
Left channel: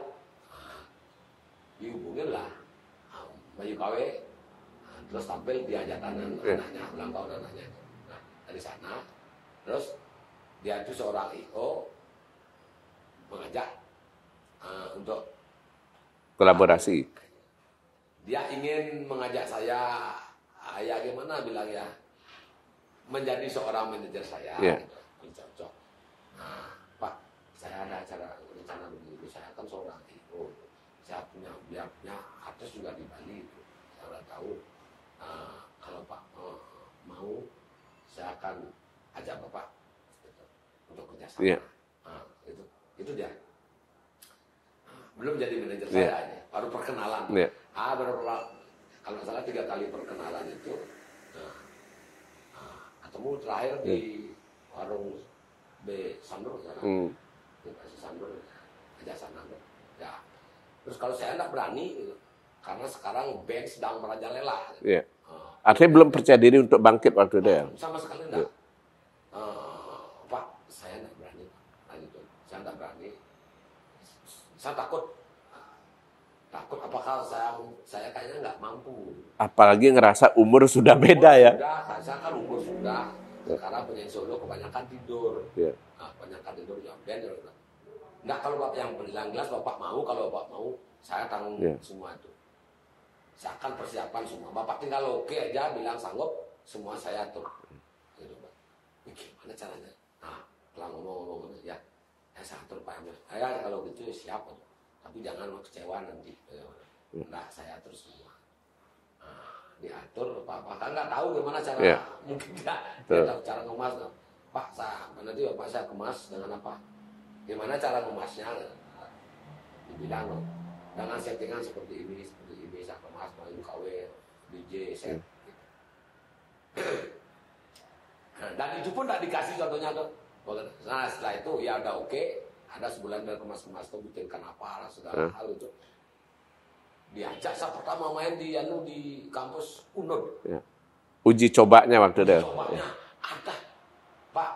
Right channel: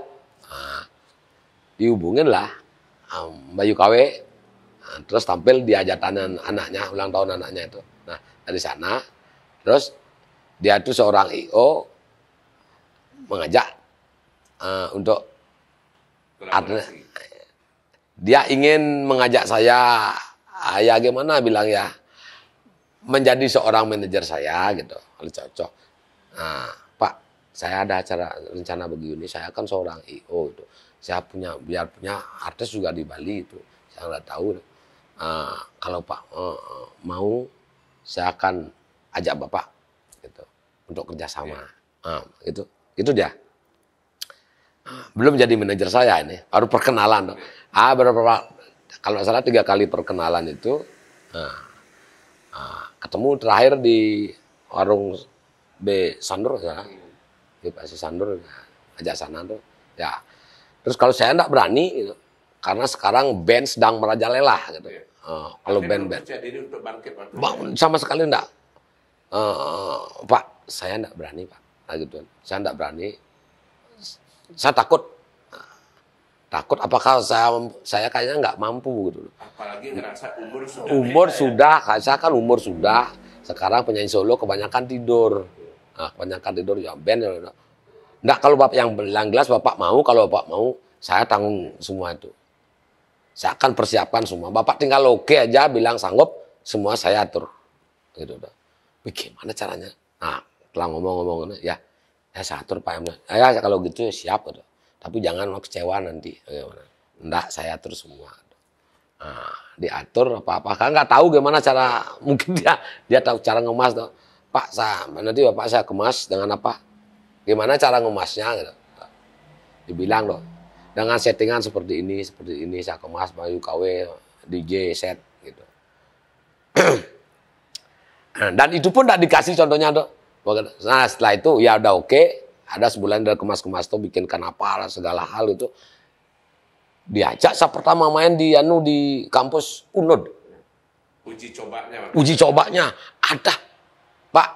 Dihubungin lah Bayu KW. Terus tampil di hajatan anaknya, ulang tahun anaknya itu. Nah dari sana, terus dia itu seorang I.O. mengajak untuk kolaborasi. Dia ingin mengajak saya, ya gimana bilang ya, menjadi seorang manajer saya gitu, kalau cocok. Nah, Pak, saya ada acara rencana begini, saya kan seorang I.O. itu. Saya biar punya artis juga di Bali itu, saya nggak tahu. Kalau Pak mau, saya akan ajak Bapak gitu untuk kerjasama. Itu dia. Belum jadi manajer saya ini, baru perkenalan. Kalau nggak salah 3 kali perkenalan itu, ketemu terakhir di warung B Sandur, di Pak Sandur, ajak sana tuh. Ya, terus kalau saya nggak berani, gitu, karena sekarang band sedang merajalela. Gitu. Artinya belum percaya diri untuk bangkit waktu itu. Sama sekali enggak. Pak, saya enggak berani, Pak. Nah, gitu. Saya enggak berani. Saya takut. Takut apakah saya kayaknya enggak mampu gitu. Apalagi ngerasa umur sudah beda umur ya. Sudah, saya kan umur sudah. Sekarang penyanyi solo kebanyakan tidur. Nah, kebanyakan tidur ya band. Enggak, kalau Bapak yang jelas Bapak mau, kalau Bapak mau, saya tanggung semua itu. Saya akan persiapkan semua. Bapak tinggal oke aja, bilang sanggup, semua saya atur. Gitu. Bagaimana caranya? Nah, setelah ngomong-ngomong, ya saya atur Pak. Ya kalau gitu siap. Gitu. Tapi jangan kecewa nanti. Enggak, saya atur semua. Nah, diatur apa-apa. Kan nggak tahu gimana cara, mungkin dia tahu cara ngemas. Tuh. Pak, nanti Bapak saya kemas dengan apa? Gimana cara ngemasnya? Gitu. Dibilang loh. Dengan settingan seperti ini saya kemas Bayu KW, DJ, set gitu. Dan itu pun tidak dikasih contohnya tuh. Nah setelah itu ya udah oke, ada sebulan dari kemas-kemas tuh bikinkan apa lah segala hal itu. Diajak saya pertama main di kampus UNUD. Uji cobanya waktu Uji cobanya ada. Pak,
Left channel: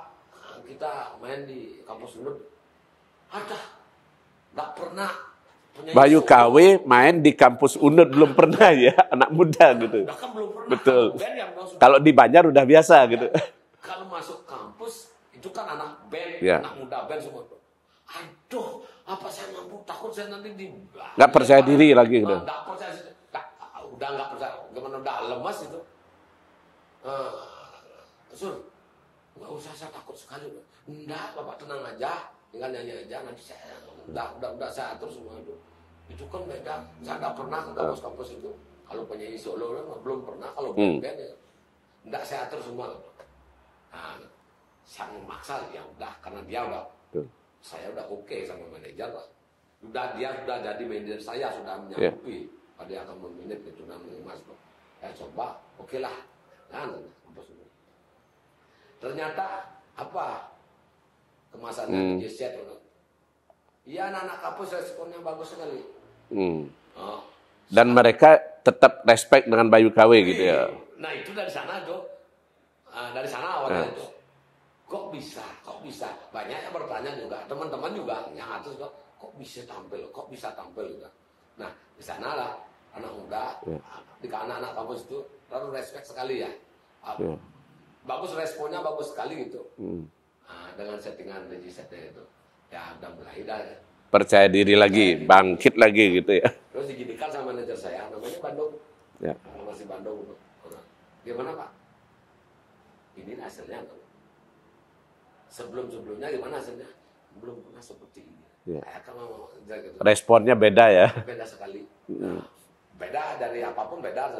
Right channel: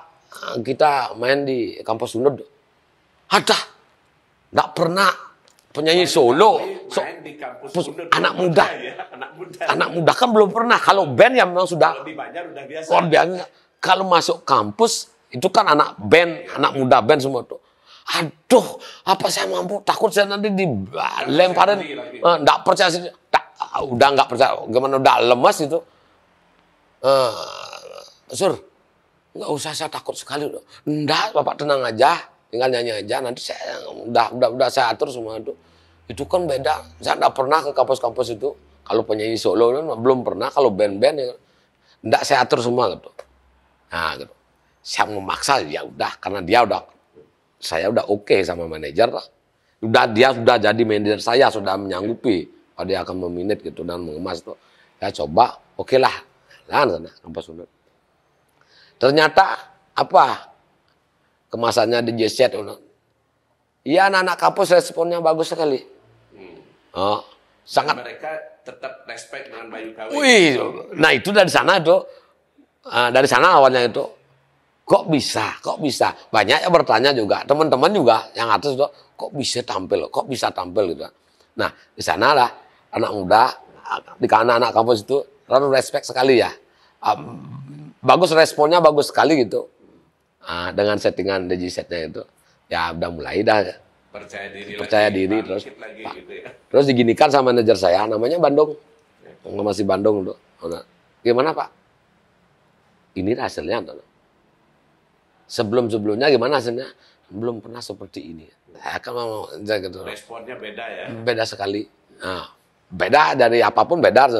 kita main di kampus UNUD. Ada. Enggak pernah penyanyi Bayu solo KW main di kampus UNUD belum pernah ya, anak muda. Anak gitu. muda kan belum pernah. Betul. Kalau band ya memang sudah. Kalau di Banjar udah biasa. Gitu. Kalau masuk kampus itu kan anak band, anak muda band semua tuh. Aduh, apa saya mampu? Takut saya nanti Nggak percaya diri lagi. Nggak percaya sih. Udah nggak percaya. Gimana udah lemas itu. Sur, nggak usah saya takut sekali. Nggak, Bapak tenang aja. Tinggal nyanyi aja. Nanti saya udah saya atur semua itu. Itu kan beda. Saya nggak pernah ke kampus-kampus itu. Kalau penyanyi solo belum pernah. Kalau band-band ya, nggak saya atur semua gitu. Nah, gitu. Saya memaksa ya udah karena saya udah oke sama manajer. Dia sudah jadi manajer saya, sudah menyanggupi. Dia akan meminit gitu dan mengemas tuh. Ya coba, oke lah. Nah, sana kampus UNUD. Ternyata apa? Kemasannya DJ set. Iya, anak-anak kampus responnya bagus sekali. Oh, dan mereka tetap respect dengan Bayu KW. Gitu. Nah itu dari sana tuh, dari sana awalnya itu, kok bisa? Banyak yang bertanya juga, teman-teman juga yang atas tuh, kok bisa tampil gitu. Nah di sana lah anak muda, di anak-anak kampus itu lalu respect sekali ya, bagus responnya bagus sekali gitu, dengan settingan DJ setnya itu, ya udah mulai dah. Percaya diri bangkit lagi gitu ya. Terus diginikan sama manajer saya, namanya Bandung. Ya. Masih Bandung. Gimana Pak? Ini hasilnya. Sebelumnya gimana hasilnya? Belum pernah seperti ini. Ya. Gitu. Responnya beda ya? Beda sekali. Nah, beda dari apapun beda.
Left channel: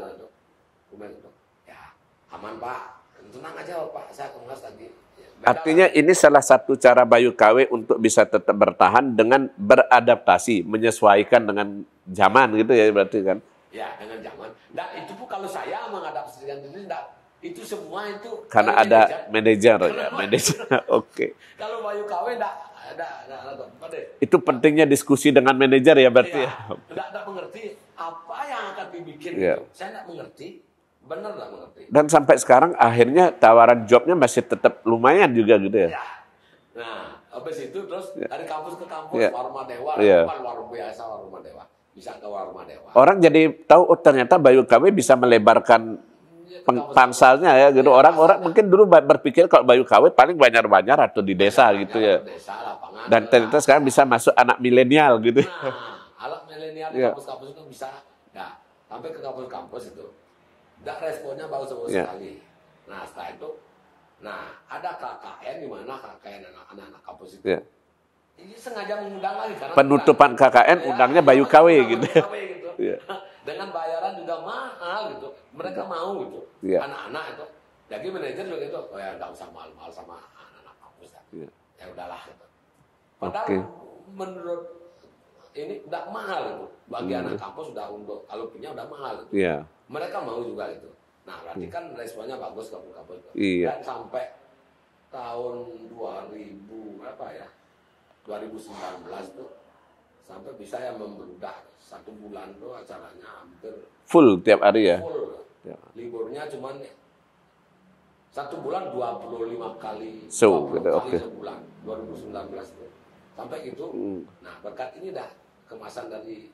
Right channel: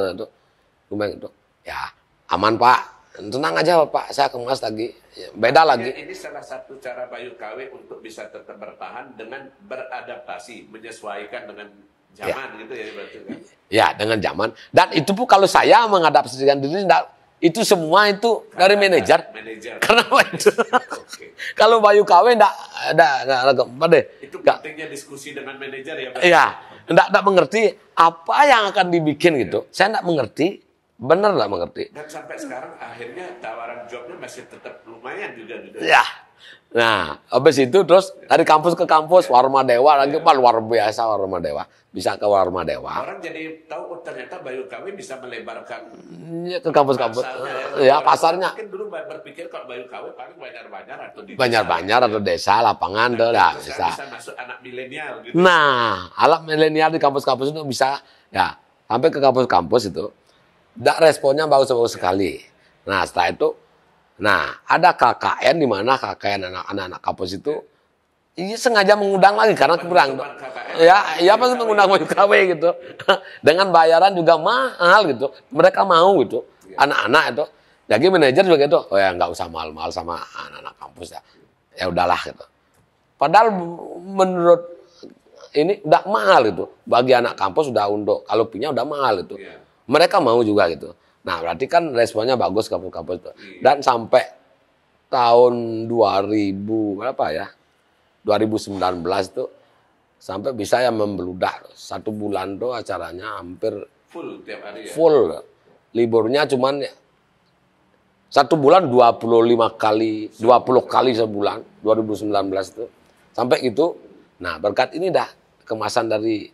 Ya aman Pak. Tenang aja Pak, saya kemas lagi. Beda artinya lagi. Ini salah satu cara Bayu KW untuk bisa tetap bertahan dengan beradaptasi, menyesuaikan dengan zaman gitu ya berarti kan? Ya dengan zaman. Dan itu pun kalau saya mengadaptasikan diri, itu semua itu karena dari manajer. Karena Oke. Kalau Bayu KW enggak itu pentingnya diskusi dengan manajer ya berarti. Iya. Enggak mengerti apa yang akan dibikin gitu. Saya enggak mengerti. Bener lah mengerti. Dan sampai sekarang akhirnya tawaran jobnya masih tetap lumayan juga gitu ya. Nah, habis itu terus dari kampus ke kampus, Warma Dewa lagi luar biasa Warma Dewa. Bisa ke Warma Dewa. Orang jadi tahu ternyata Bayu KW bisa melebarkan ke pangsalnya ya. Gitu. Orang mungkin dulu berpikir kalau Bayu KW paling Banjar-Banjar atau di desa. Banjar atau desa, lapangan. Dan ternyata sekarang bisa masuk anak milenial gitu. Nah, anak milenial di kampus-kampus itu bisa ya sampai ke kampus-kampus itu. Responnya bagus sekali. Nah setelah itu, ada KKN di mana KKN anak-anak kampus itu, ini sengaja mengundang lagi karena penutupan KKN, Bayu KW gitu, dengan bayaran juga mahal gitu. Mereka mau gitu, anak-anak itu. Jadi manajer juga gitu, oh ya nggak usah mahal-mahal sama anak-anak kampus ya, ya udahlah gitu. Padahal menurut ini udah mahal itu, bagi anak kampus udah untuk kalau punya udah mahal itu. Mereka mau juga gitu. Nah, berarti kan responnya bagus kampus-kampus itu. Dan sampai tahun 2000 berapa ya? 2019 tuh sampai bisa yang membludak. 1 bulan tuh acaranya hampir full tiap hari ya. Full. Liburnya cuman 1 bulan 25 kali, 20 kali sebulan 2019 tuh. Sampai gitu. Nah, berkat ini dah kemasan dari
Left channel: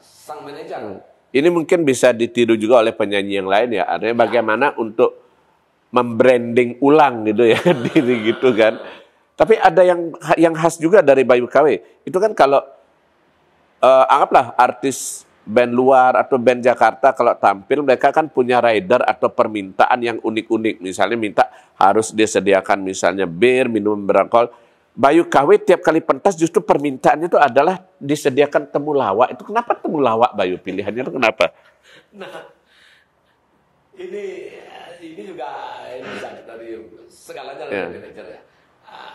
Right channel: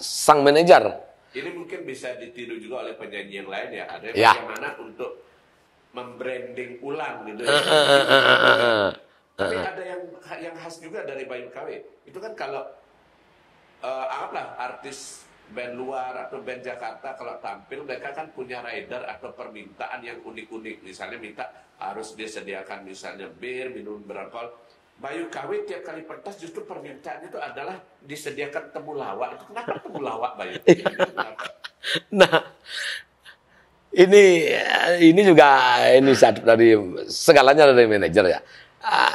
sang manajer. Ini mungkin bisa ditiru juga oleh penyanyi yang lain ya. Artinya bagaimana untuk membranding ulang gitu ya. gitu kan. Tapi ada yang khas juga dari Bayu KW. Itu kan kalau anggaplah artis band luar atau band Jakarta kalau tampil mereka kan punya rider atau permintaan yang unik-unik. Misalnya minta harus disediakan misalnya bir, minum beralkohol. Bayu KW tiap kali pentas justru permintaannya itu adalah disediakan temulawak. Itu kenapa temulawak Bayu? Pilihannya itu kenapa? Nah, ini juga ini satu dari segalanya dari manajer ya.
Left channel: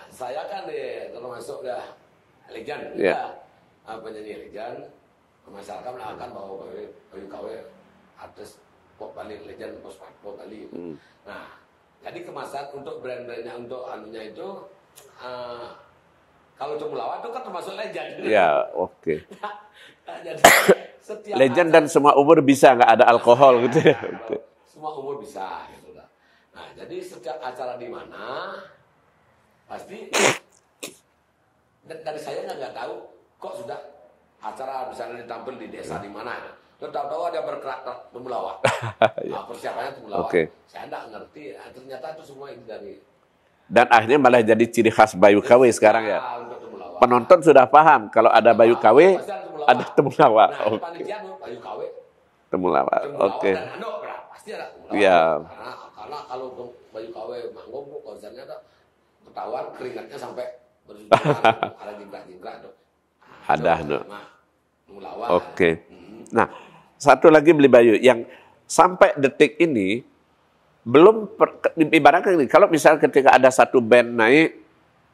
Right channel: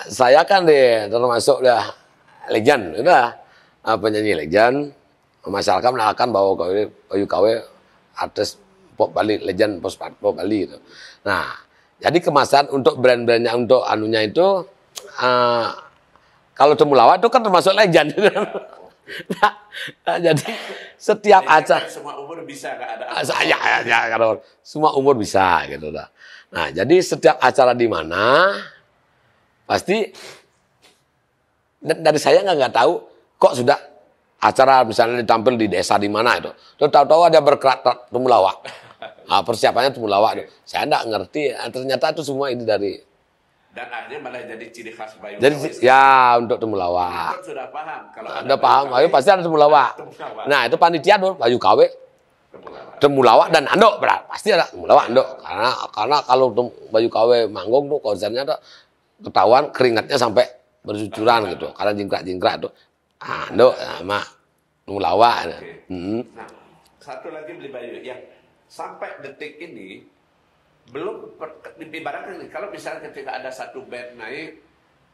Saya kan termasuk legend, penyanyi legend. Masyarakat mengenalkan bahwa Bayu KW artis pop Bali, legend pop Bali itu. Nah, jadi kemasan untuk brand-brandnya untuk anunya itu kalau temulawak itu kan termasuk legend. Ya, oke. Nah, jadi setiap legend acara dan semua umur bisa nggak ada alkohol gitu. Ya, kalau semua umur bisa gitu lah. Nah, jadi setiap acara di mana pasti dari saya nggak tahu kok sudah acara misalnya ditampil di desa di mana itu. Terus tahu-tahu ada berkerak temulawak. Nah, persiapannya temulawak. Okay. Saya nggak ngerti. Ternyata itu semua ini dari. Dan akhirnya malah jadi ciri khas Bayu KW sekarang. Ya, untuk temulawak. Penonton sudah paham kalau ada Bayu KW. Pasti ada temulawak. Ada temulawak. Nah, itu panitia dong Bayu KW. Temulawak dan andok pasti ada temulawak. Ya. Andok. Karena kalau Bayu KW manggung tuh konsernya tuh ketahuan keringatnya sampai bercucuran gitu. Karena jingkrak-jingkrak tuh. Andok sama temulawak. Oke. Nah, satu lagi beli Bayu yang sampai detik ini belum ibaratnya ini, kalau misalnya ketika ada satu band naik,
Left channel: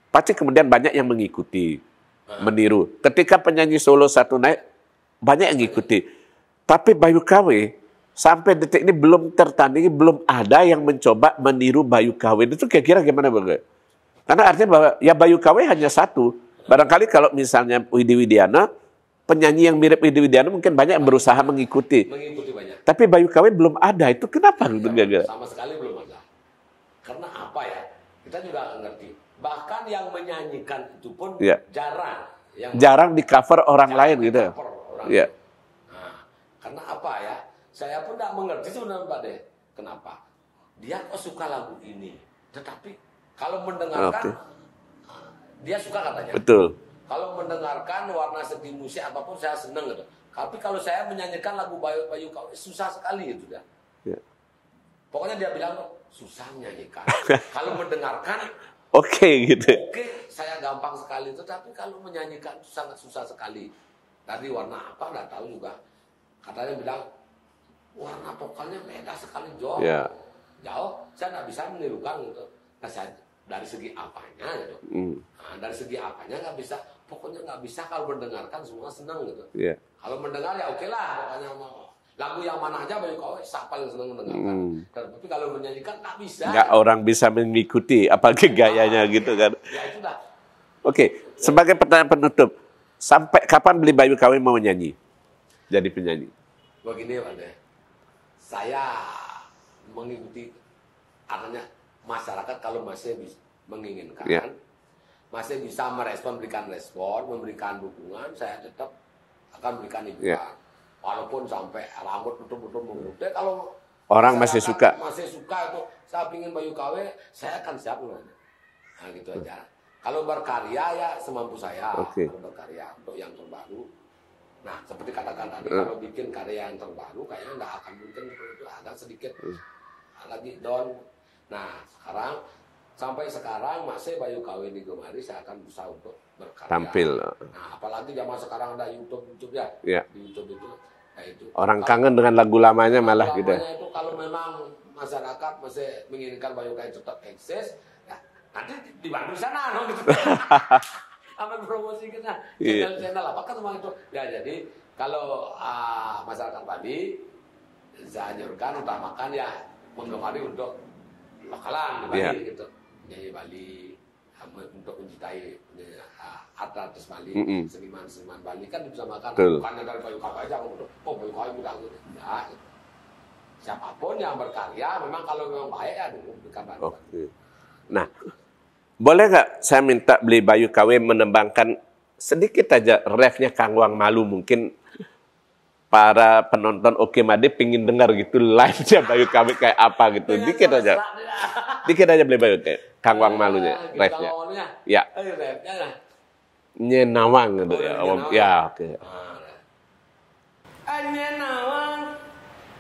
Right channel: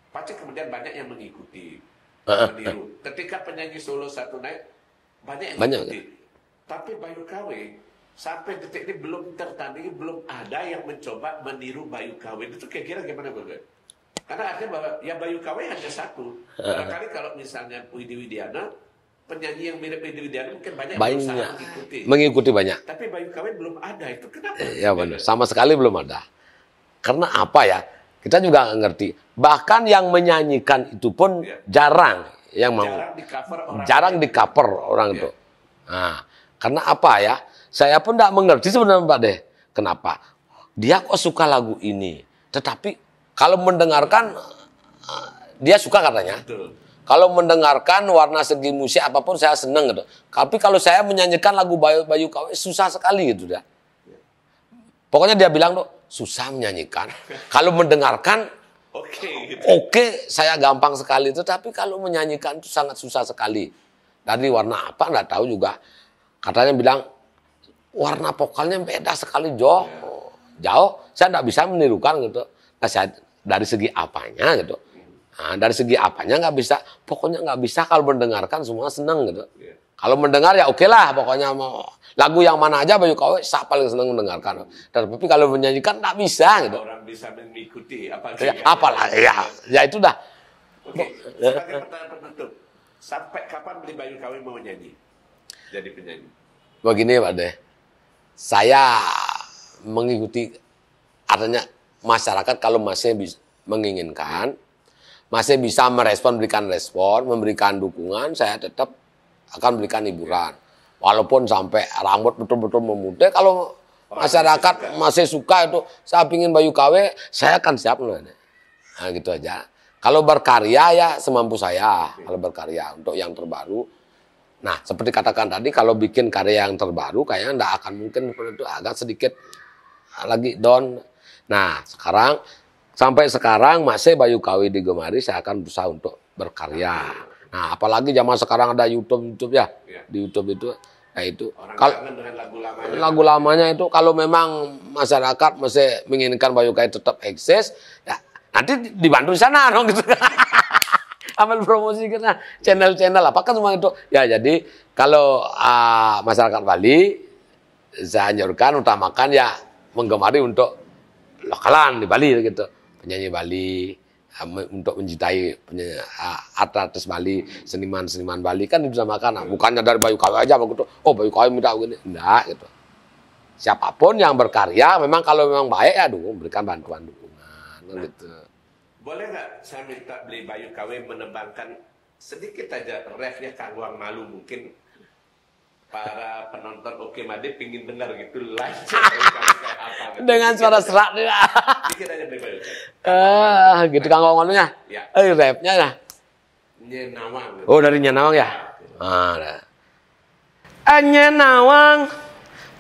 pasti kemudian banyak yang mengikuti, meniru. Ketika penyanyi solo satu naik, banyak yang mengikuti. Tapi Bayu KW sampai detik ini belum tertandingi, belum ada yang mencoba meniru Bayu KW. Itu kira-kira gimana Bang? Karena artinya bahwa ya Bayu KW hanya satu. Barangkali kalau misalnya Widi Widiana, penyanyi yang mirip Widi Widiana mungkin banyak yang berusaha mengikuti. Mengikuti banyak. Tapi Bayu KW belum ada. Itu kenapa? Ya, sama sekali belum ada. Karena apa ya? Kita juga nggak ngerti. Bahkan yang menyanyikan itu pun jarang. Jarang di cover orang lain. Jarang di cover orang itu. Nah, karena apa ya? Saya pun nggak mengerti sebenarnya Pak Deh. Kenapa? Dia kok suka lagu ini. Tetapi kalau mendengarkan, dia suka katanya. Betul. Kalau mendengarkan warna segi musik apapun saya senang gitu. Tapi kalau saya menyanyikan lagu Bayu KW susah sekali gitu dah. Ya. Pokoknya dia bilang tuh susah menyanyikan. Kalau mendengarkan gitu. Oke, saya gampang sekali itu. Tapi kalau menyanyikan itu sangat susah sekali. Dari warna apa nggak tahu juga. Katanya bilang warna vokalnya beda sekali jauh. Ya. Jauh. Saya nggak bisa menirukan gitu. Nah, saya dari segi apanya gitu. Nah, dari segi apanya nggak bisa. Pokoknya nggak bisa kalau mendengarkan semua seneng gitu. Yeah. Kalau mendengar ya oke lah. Pokoknya mau lagu yang mana aja Bayu KW saya paling seneng mendengarkan. Tapi kalau menyanyikan nggak bisa. Gitu. Orang bisa mengikuti apalagi gayanya gitu kan. Ya itu dah. Oke. Sebagai pertanyaan penutup. Sampai kapan beli Bayu KW mau nyanyi? Jadi penyanyi. Begini Pak Deh. Saya mengikuti artinya masyarakat kalau masih menginginkan, masih bisa memberikan respon, memberikan dukungan, saya tetap akan berikan hiburan. Walaupun sampai rambut betul-betul memutih, kalau orang masyarakat masih suka itu, saya pingin Bayu KW, saya akan siap. Nah gitu aja. Kalau berkarya ya semampu saya, kalau berkarya untuk yang terbaru. Nah seperti katakan tadi, kalau bikin karya yang terbaru, kayaknya nggak akan mungkin itu agak sedikit lagi down. Nah, sampai sekarang masih Bayu KW digemari, saya akan berusaha untuk berkarya. Nah, apalagi zaman sekarang ada YouTube ya. Di YouTube itu, ya itu. Orang kangen dengan lagu lamanya. Lagu lamanya itu, kalau memang masyarakat masih menginginkan Bayu KW tetap eksis, ya nanti dibantu di sana dong gitu. Ambil promosi kita, channel-channel apakah semua itu. Ya, jadi kalau masyarakat Bali, saya anjurkan, utamakan ya menggemari untuk lokalan di Bali gitu. Penyanyi Bali untuk mencintai artis Bali, seniman-seniman Bali kan bisa makan. Bukannya dari Bayu KW aja begitu. Oh, Bayu KW minta begini. Enggak gitu. Siapapun yang berkarya memang kalau memang baik ya berikan bantuan. Nah, gitu. Boleh nggak saya minta beli Bayu KW menembangkan sedikit aja refnya Kang Wang Malu, mungkin para penonton Oke Made pingin dengar gitu live-nya Bayu KW kayak apa gitu. Dengan suara serak. Dikit aja beli Bayu kayak Kang Wang Malu. Gitu Kang Wang Malunya? Ya. Rapnya ya? Nyenawang. Oh dari Nyenawang ya? Oke. Anya nawang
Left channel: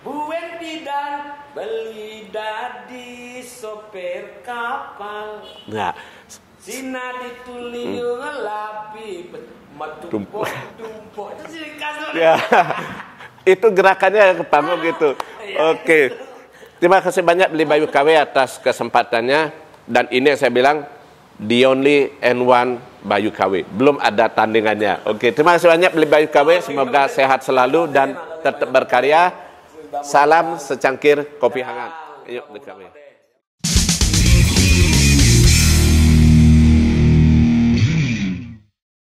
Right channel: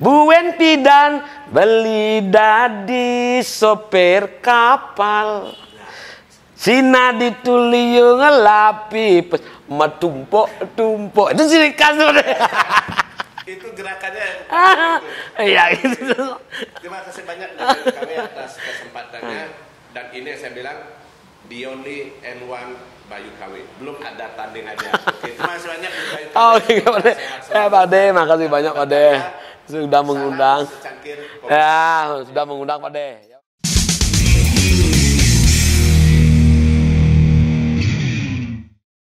buen pidan beli dadi sopir kapal. Nah, Sina dituliu ngelapi matumpok. Itu ciri khas. itu gerakannya yang pertama gitu. Iya, Oke. itu. Terima kasih banyak Beli Bayu KW atas kesempatannya. Dan ini yang saya bilang, the only and one Bayu KW. Belum ada tandingannya. Oke, terima kasih banyak Beli Bayu KW. Semoga sehat selalu dan makasih tetap banyak, Pak De. berkarya. Sudah Salam mengundang. secangkir kopi. Ya, sudah mengundang Pak De.